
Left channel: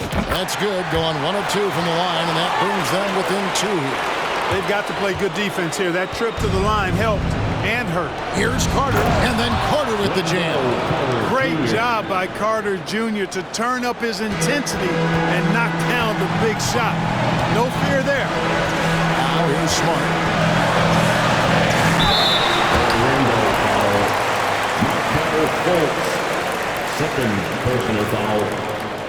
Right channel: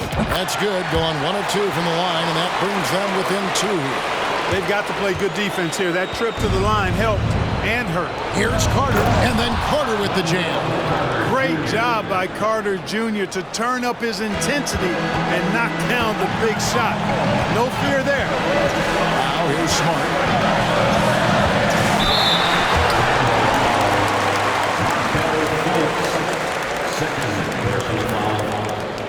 That's good, going 1 of 2 from the line, and that brings them within 2 here. They've got to play good defense here. That trip to the line helped and hurt. Here's Carter, and then Carter with the jam. Great job by Carter Jr. to turn up his intensity and knock down the big shot. No fear there. Now here's Smart. Second personal foul.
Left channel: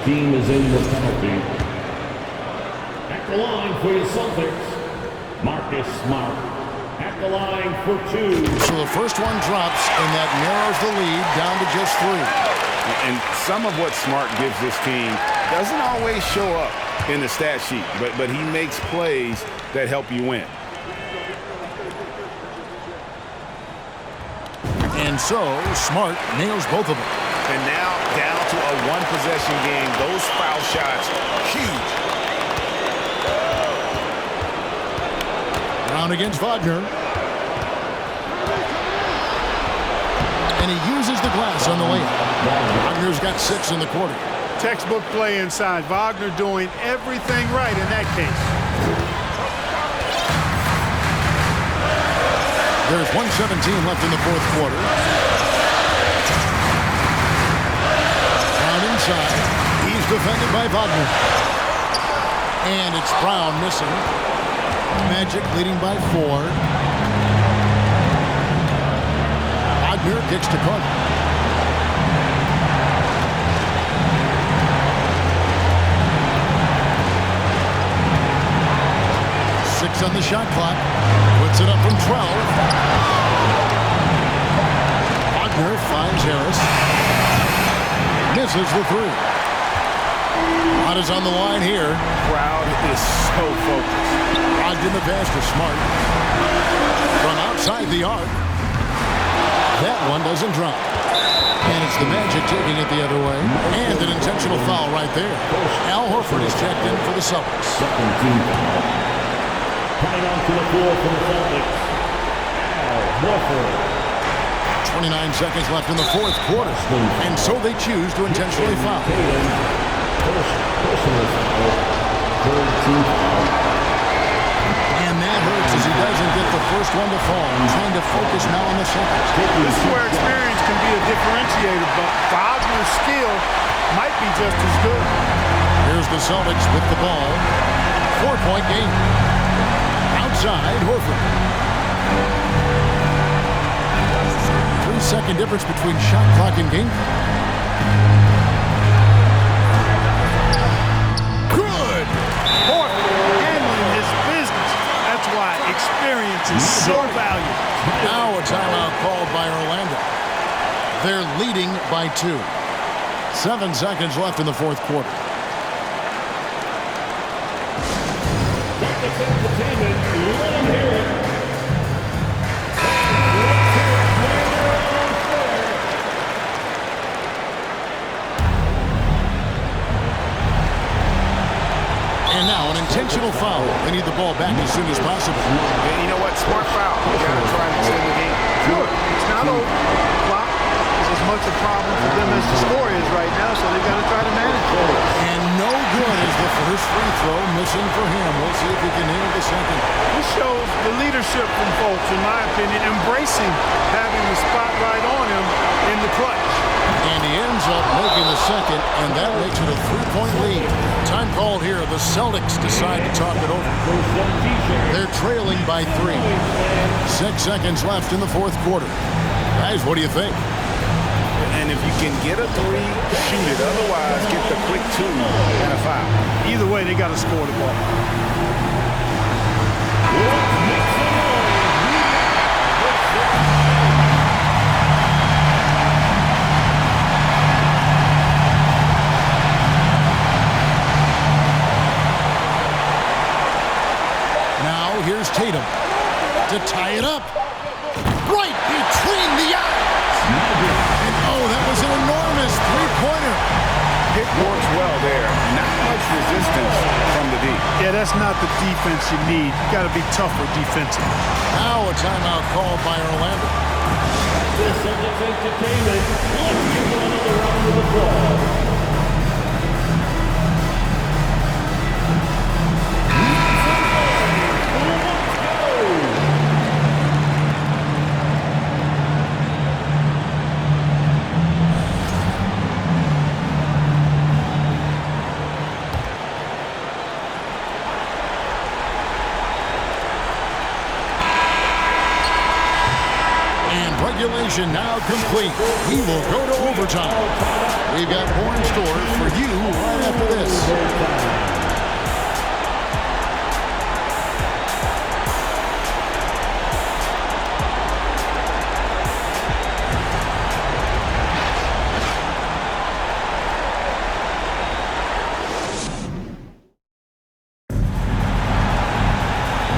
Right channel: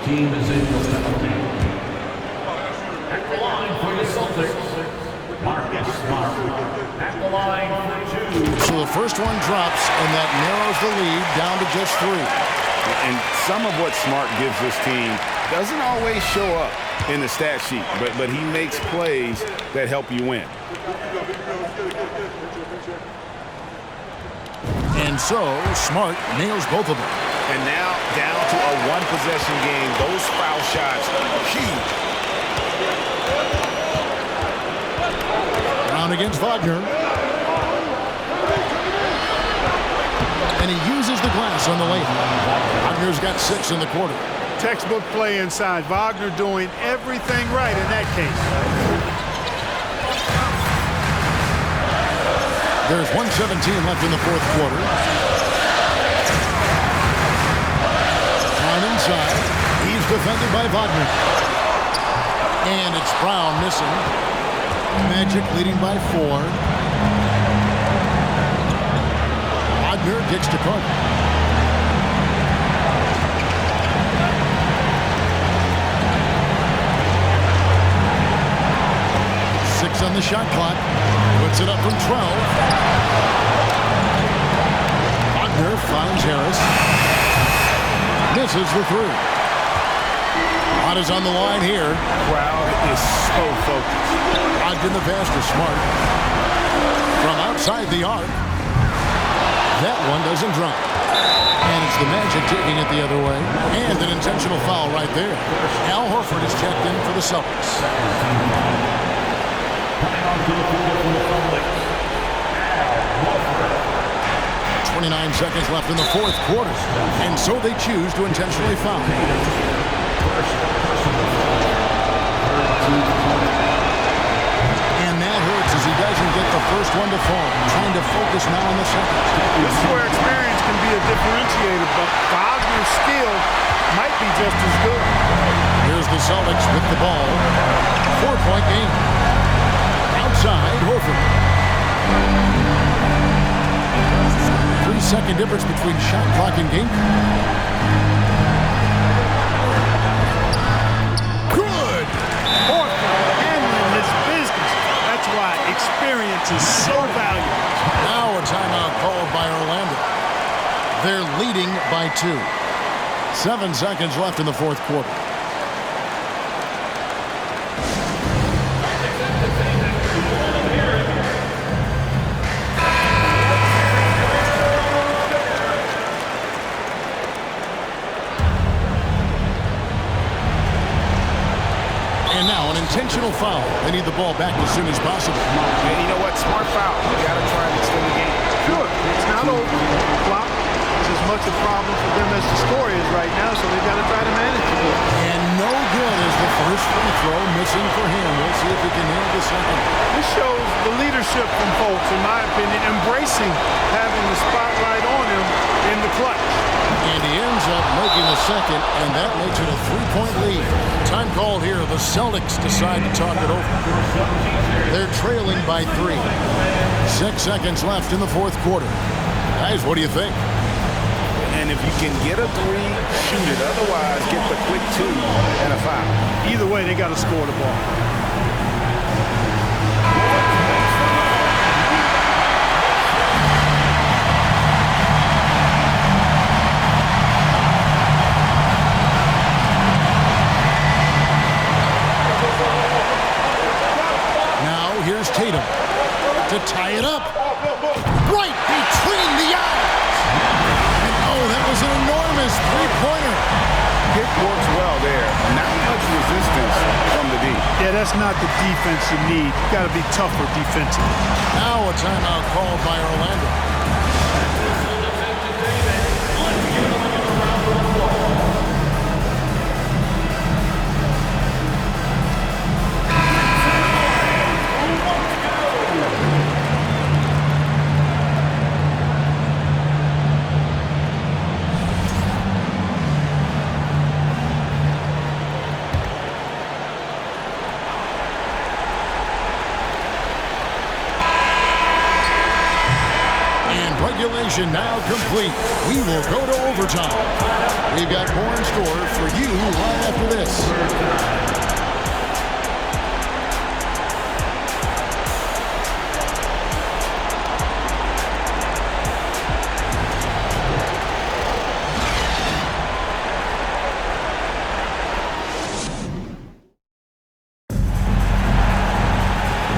Team is in the penalty. At the line for your Celtics, Marcus Smart. At the line for 2. So the first one drops, and that narrows the lead down to just 3. And some of what Smart gives this team doesn't always show up in the stat sheet, but he makes plays that help you win. And so Smart nails both of them. And now down to a one-possession game. Those foul shots, huge. Brown against Wagner. And he uses the glass on the layup. Wagner's got 6 in the quarter. Textbook play inside. Wagner doing everything right in that case. There's 1:17 left in the fourth quarter. Brown inside. He's defended by Wagner. And it's Brown missing. Magic leading by 4. Wagner kicks to Carter. Six on the shot clock. Puts it up from 12. Wagner finds Harris. Misses the 3. Lot is on the line here. Crowd is so focused. Ogden the pass to Smart. From outside the arc. That one doesn't drop. And it's the Magic taking it the other way. And an intentional foul right there. Al Horford is checked in for the Celtics. Second team foul. Coming onto the floor from the Celtics, Al Horford. 29 seconds left in the fourth quarter. And so they choose to intentionally foul. First personal foul. Third team foul. And that hurts as he doesn't get the first one to fall. Trying to focus now on the second. This is where experience can be a differentiator, but Wagner's skill might be just as good. Here's the Celtics with the ball. 4-point game. Outside, Horford. 3-second difference between shot clock and game clock. Good! Horford handling his business. That's why experience is so valuable. Now a timeout called by Orlando. They're leading by 2. 7 seconds left in the fourth quarter. And now an intentional foul. They need the ball back as soon as possible. Yeah, you know what? Smart foul. You got to try and extend the game. Sure, it's not over. Clock is as much a problem for them as the score is right now, so they've got to try to manage it. And no good is the first free throw missing for him. We'll see if he can nail the second. This shows the leadership from folks, in my opinion, embracing having the spotlight on him in the clutch. And he ends up making the second, and that makes it a 3-point lead. Time called here. The Celtics decide to talk it over. They're trailing by 3. 6 seconds left in the fourth quarter. Guys, what do you think? And if you can get a 3, shoot it. Otherwise, get the quick 2 and a foul. Either way, they got to score the ball. Now here's Tatum to tie it up. Right between the eyes. And oh, that was an enormous three-pointer. Pick works well there. Not much resistance from the D. Yeah, that's not the defense you need. You got to be tougher defensively. Now a timeout called by Orlando. This is entertainment. Give them another round of applause. Regulation now complete. We will go to overtime. We've got more in store for you right after this.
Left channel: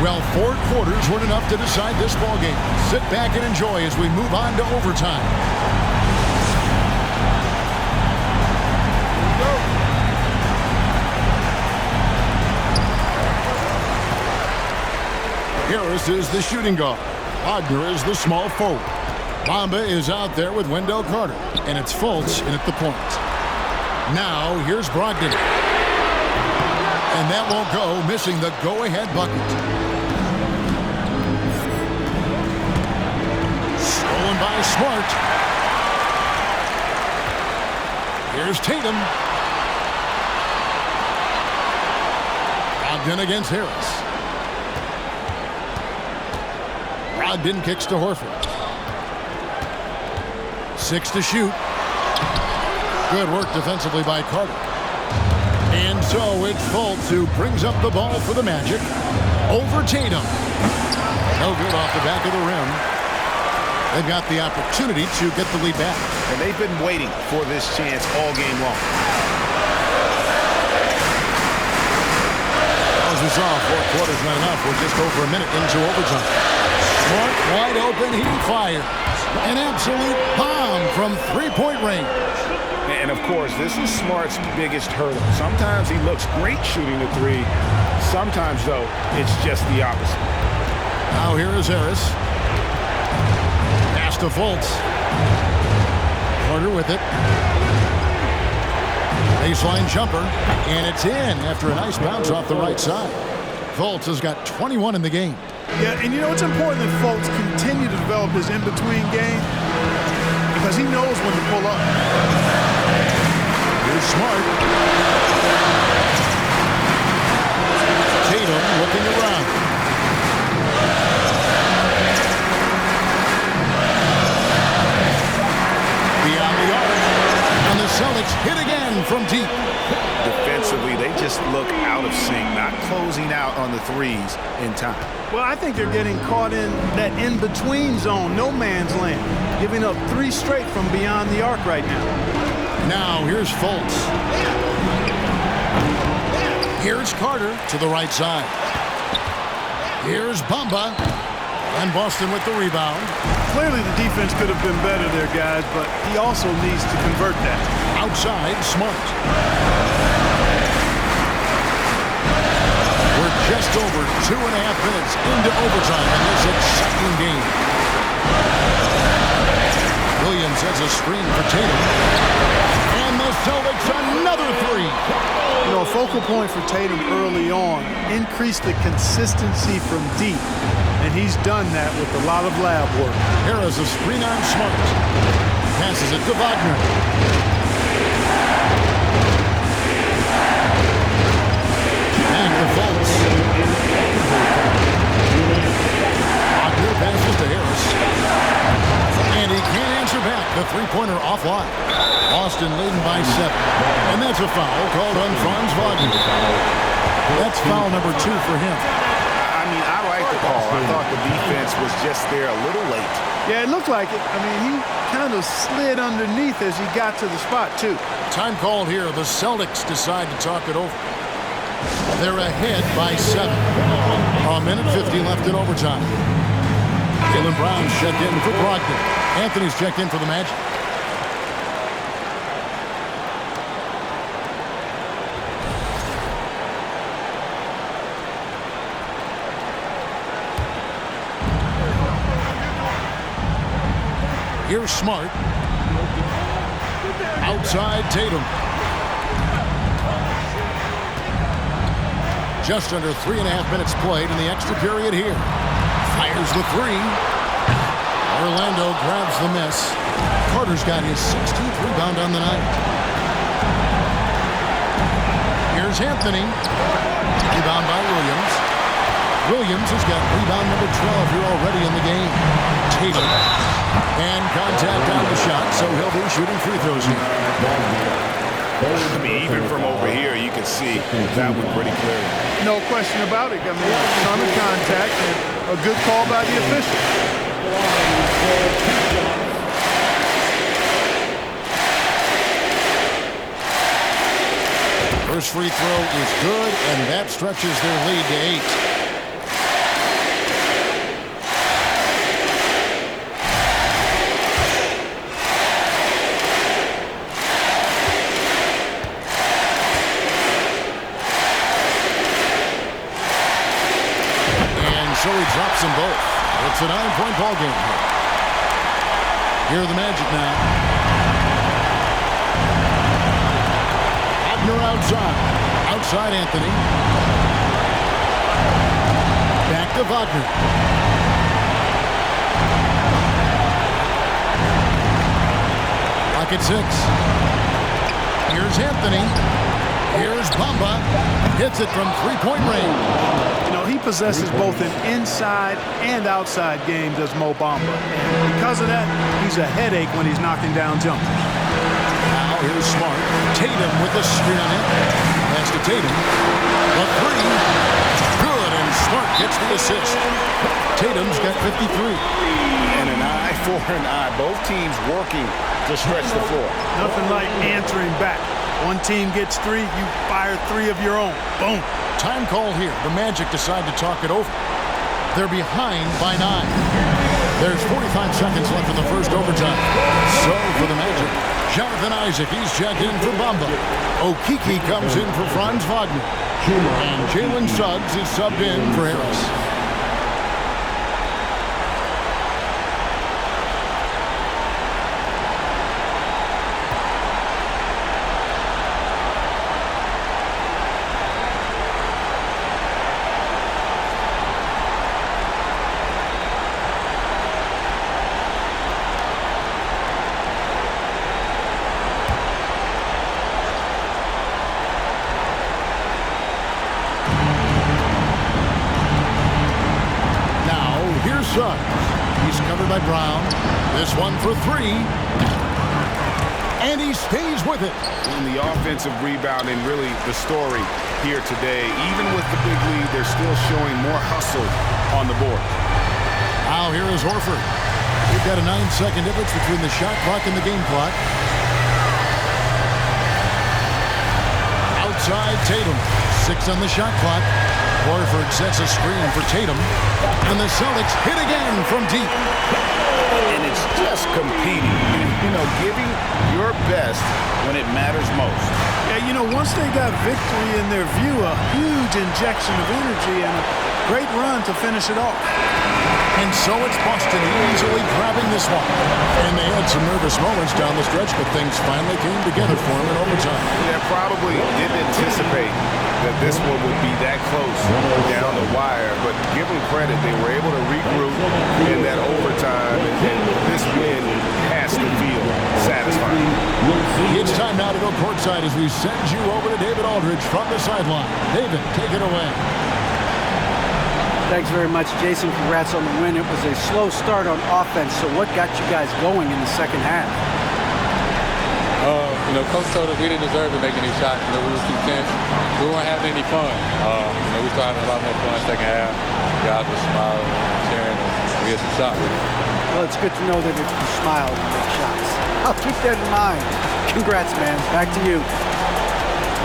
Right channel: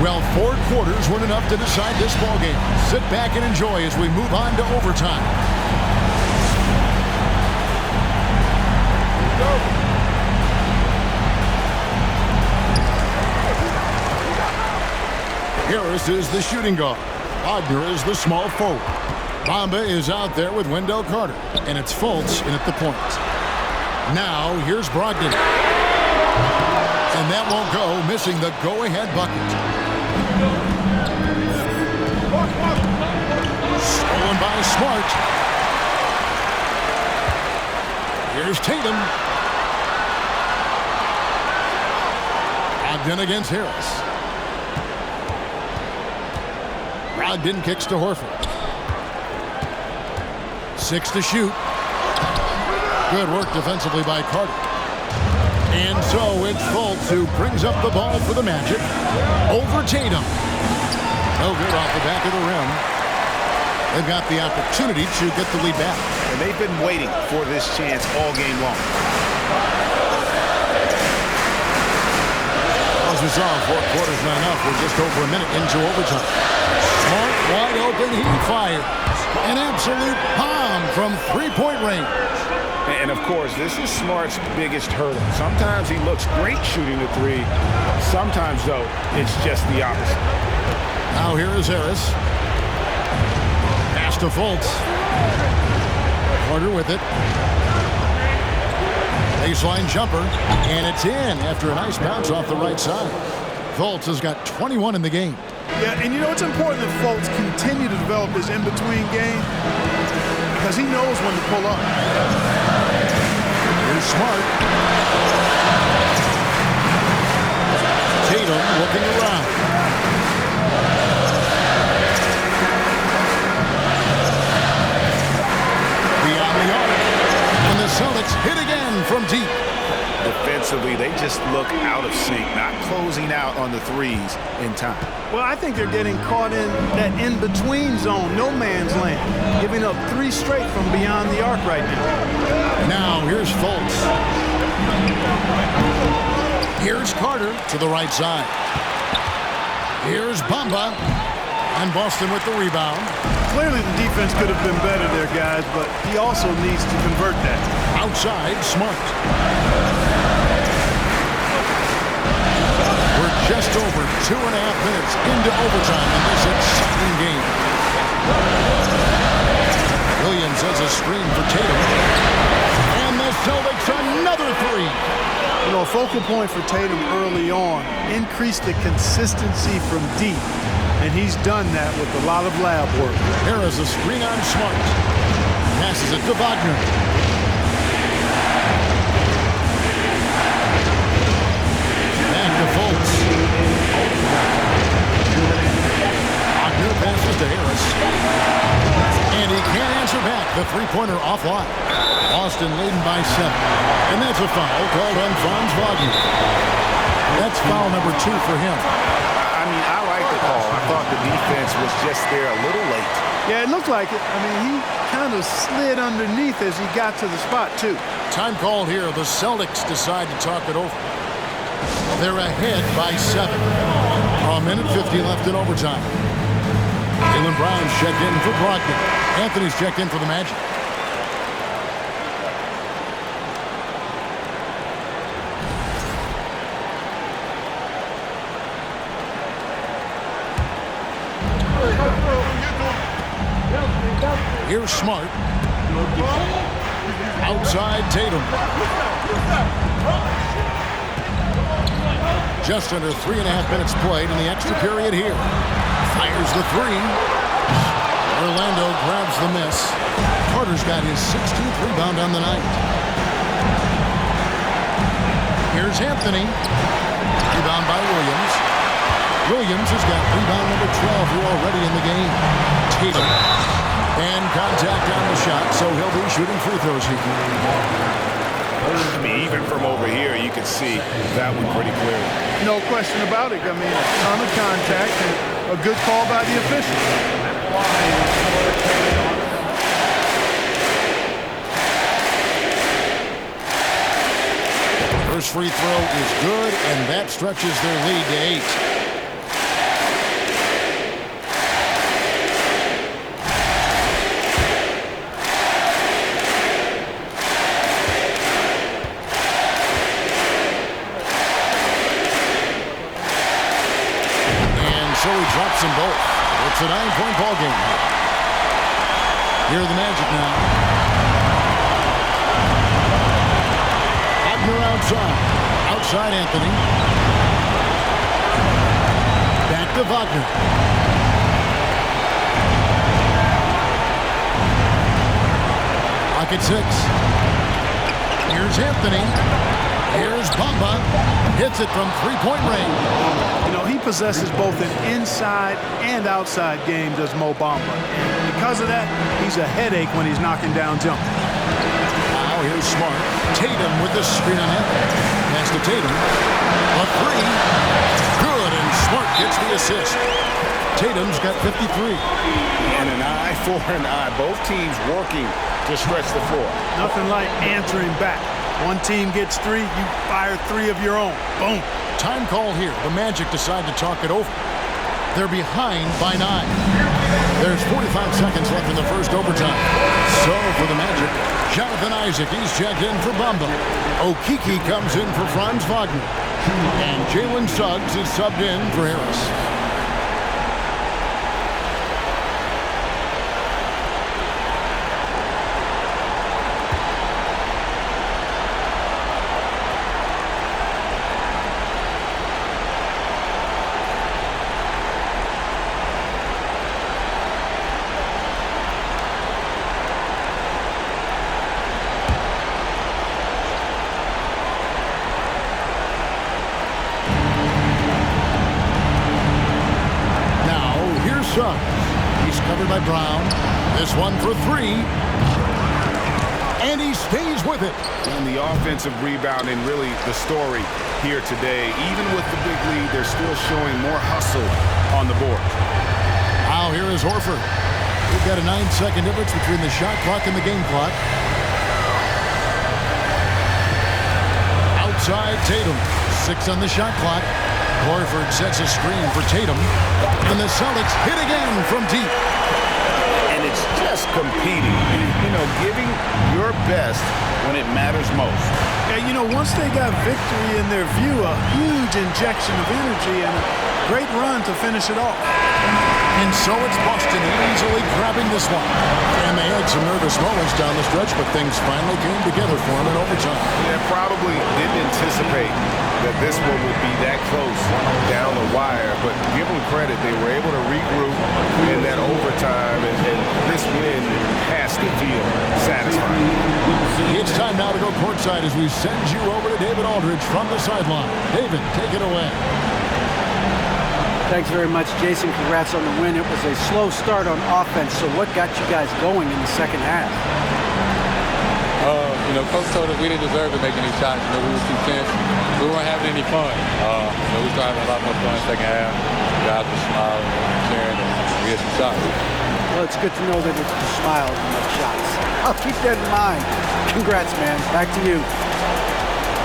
Well, 4 quarters weren't enough to decide this ballgame. Sit back and enjoy as we move on to overtime. Harris is the shooting guard. Wagner is the small forward. Bamba is out there with Wendell Carter. And it's Fultz in at the point. Now, here's Brogdon. And that won't go, missing the go-ahead bucket. Stolen by Smart. Here's Tatum. Brogdon against Harris. Brogdon kicks to Horford. 6 to shoot. Good work defensively by Carter. And so it's Fultz who brings up the ball for the Magic. Over Tatum. No good off the back of the rim. They've got the opportunity to get the lead back. And they've been waiting for this chance all game long. As we saw, 4 quarters not enough. We're just over a minute into overtime. Smart wide open. He fires. An absolute bomb from 3-point range. And, of course, this is Smart's biggest hurdle. Sometimes he looks great shooting the 3. Sometimes, though, it's just the opposite. Now here is Harris. Pass to Fultz. Carter with it. Baseline jumper. And it's in after a nice bounce off the right side. Fultz has got 21 in the game. Yeah, and you know, it's important that Fultz continue to develop his in-between game because he knows when to pull up. Here's Smart. Tatum looking around. Beyond the arc. And the Celtics hit again from deep. Defensively, they just look out of sync, not closing out on the 3s in time. Well, I think they're getting caught in that in-between zone, no man's land, giving up 3 straight from beyond the arc right now. Now, here's Fultz. Here's Carter to the right side. Here's Bamba. And Boston with the rebound. Clearly, the defense could have been better there, guys, but he also needs to convert that. Outside, Smart. We're just over 2.5 minutes into overtime in this exciting game. Williams has a screen for Tatum. And the Celtics another 3. You know, a focal point for Tatum early on, increase the consistency from deep. And he's done that with a lot of lab work. Here is a screen on Smart. Passes it to Wagner. Back to Fultz. Wagner passes to Harris. And he can't answer back. The three-pointer offline. Boston leading by 7. And that's a foul called on Franz Wagner. That's foul number 2 for him. I mean, I like the call. I thought the defense was just there a little late. Yeah, it looked like it. I mean, he kind of slid underneath as he got to the spot, too. Time called here. The Celtics decide to talk it over. They're ahead by 7. A minute 50 left in overtime. Jaylen Brown's checked in for Brogdon. Anthony's checked in for the Magic. Here's Smart. Outside Tatum. Just under 3.5 minutes played in the extra period here. Fires the 3. Orlando grabs the miss. Carter's got his 16th rebound on the night. Here's Anthony. Rebound by Williams. Williams has got rebound number 12 here already in the game. Tatum. And contact on the shot, so he'll be shooting free throws here. I mean, even from over here, you can see that one pretty clearly. No question about it. I mean, a ton of contact and a good call by the official. First free throw is good, and that stretches their lead to 8. So he drops them both. It's a 9-point ball game here. Here are the Magic now. Wagner outside. Outside Anthony. Back to Wagner. Lock at 6. Here's Anthony. Here's Bamba. Hits it from three-point range. You know, he possesses both an inside and outside game, does Mo Bamba. And because of that, he's a headache when he's knocking down jumpers. Now here's Smart. Tatum with the screen on Anthony. Pass to Tatum. A 3. Good, and Smart gets the assist. Tatum's got 53. And an eye for an eye. Both teams working to stretch the floor. Nothing like answering back. One team gets 3, you fire 3 of your own. Boom. Time call here. The Magic decide to talk it over. They're behind by 9. There's 45 seconds left in the first overtime. So for the Magic, Jonathan Isaac, he's checked in for Bamba. Okeke comes in for Franz Wagner. And Jalen Suggs is subbed in for Harris. Suggs. He's covered by Brown. This one for 3. And he stays with it. And the offensive rebounding, really the story here today. Even with the big lead, they're still showing more hustle on the board. Now here is Horford. We've got a 9-second difference between the shot clock and the game clock. Outside Tatum. 6 on the shot clock. Horford sets a screen for Tatum. And the Celtics hit again from deep. And it's just competing. You know, giving your best when it matters most. Yeah, you know, once they got victory in their view, a huge injection of energy and a great run to finish it off. And so it's Boston easily grabbing this one. And they had some nervous moments down the stretch, but things finally came together for them in overtime. Yeah, probably didn't anticipate that this one would be that close down the wire, but give them credit. They were able to regroup in that overtime, and this win has to feel satisfying. It's time now to go courtside as we send you over to David Aldridge from the sideline. David, take it away. Thanks very much, Jason. Congrats on the win. It was a slow start on offense, so what got you guys going in the second half? Coach told us we didn't deserve to make any shots. We were too tense. We weren't having any fun. We started having a lot more fun second half. Guys were smiling and cheering, and we had some shots. Well, it's good to know that you smile and make shots. I'll keep that in mind. Congrats, man. Back to you.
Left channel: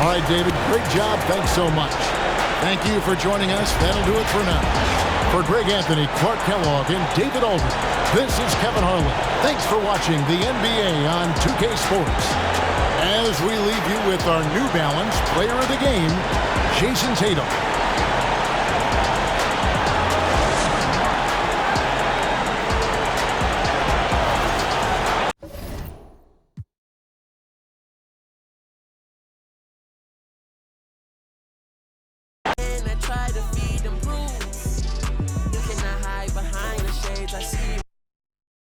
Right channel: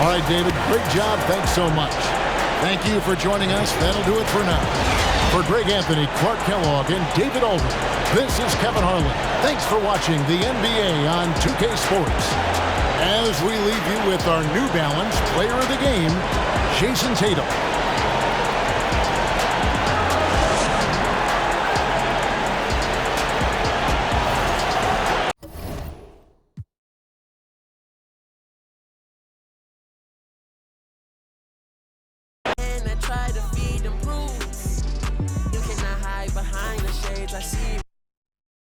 All right, David, great job. Thanks so much. Thank you for joining us. That'll do it for now. For Greg Anthony, Clark Kellogg, and David Aldridge, this is Kevin Harlan. Thanks for watching the NBA on 2K Sports. As we leave you with our New Balance Player of the Game, Jason Tatum.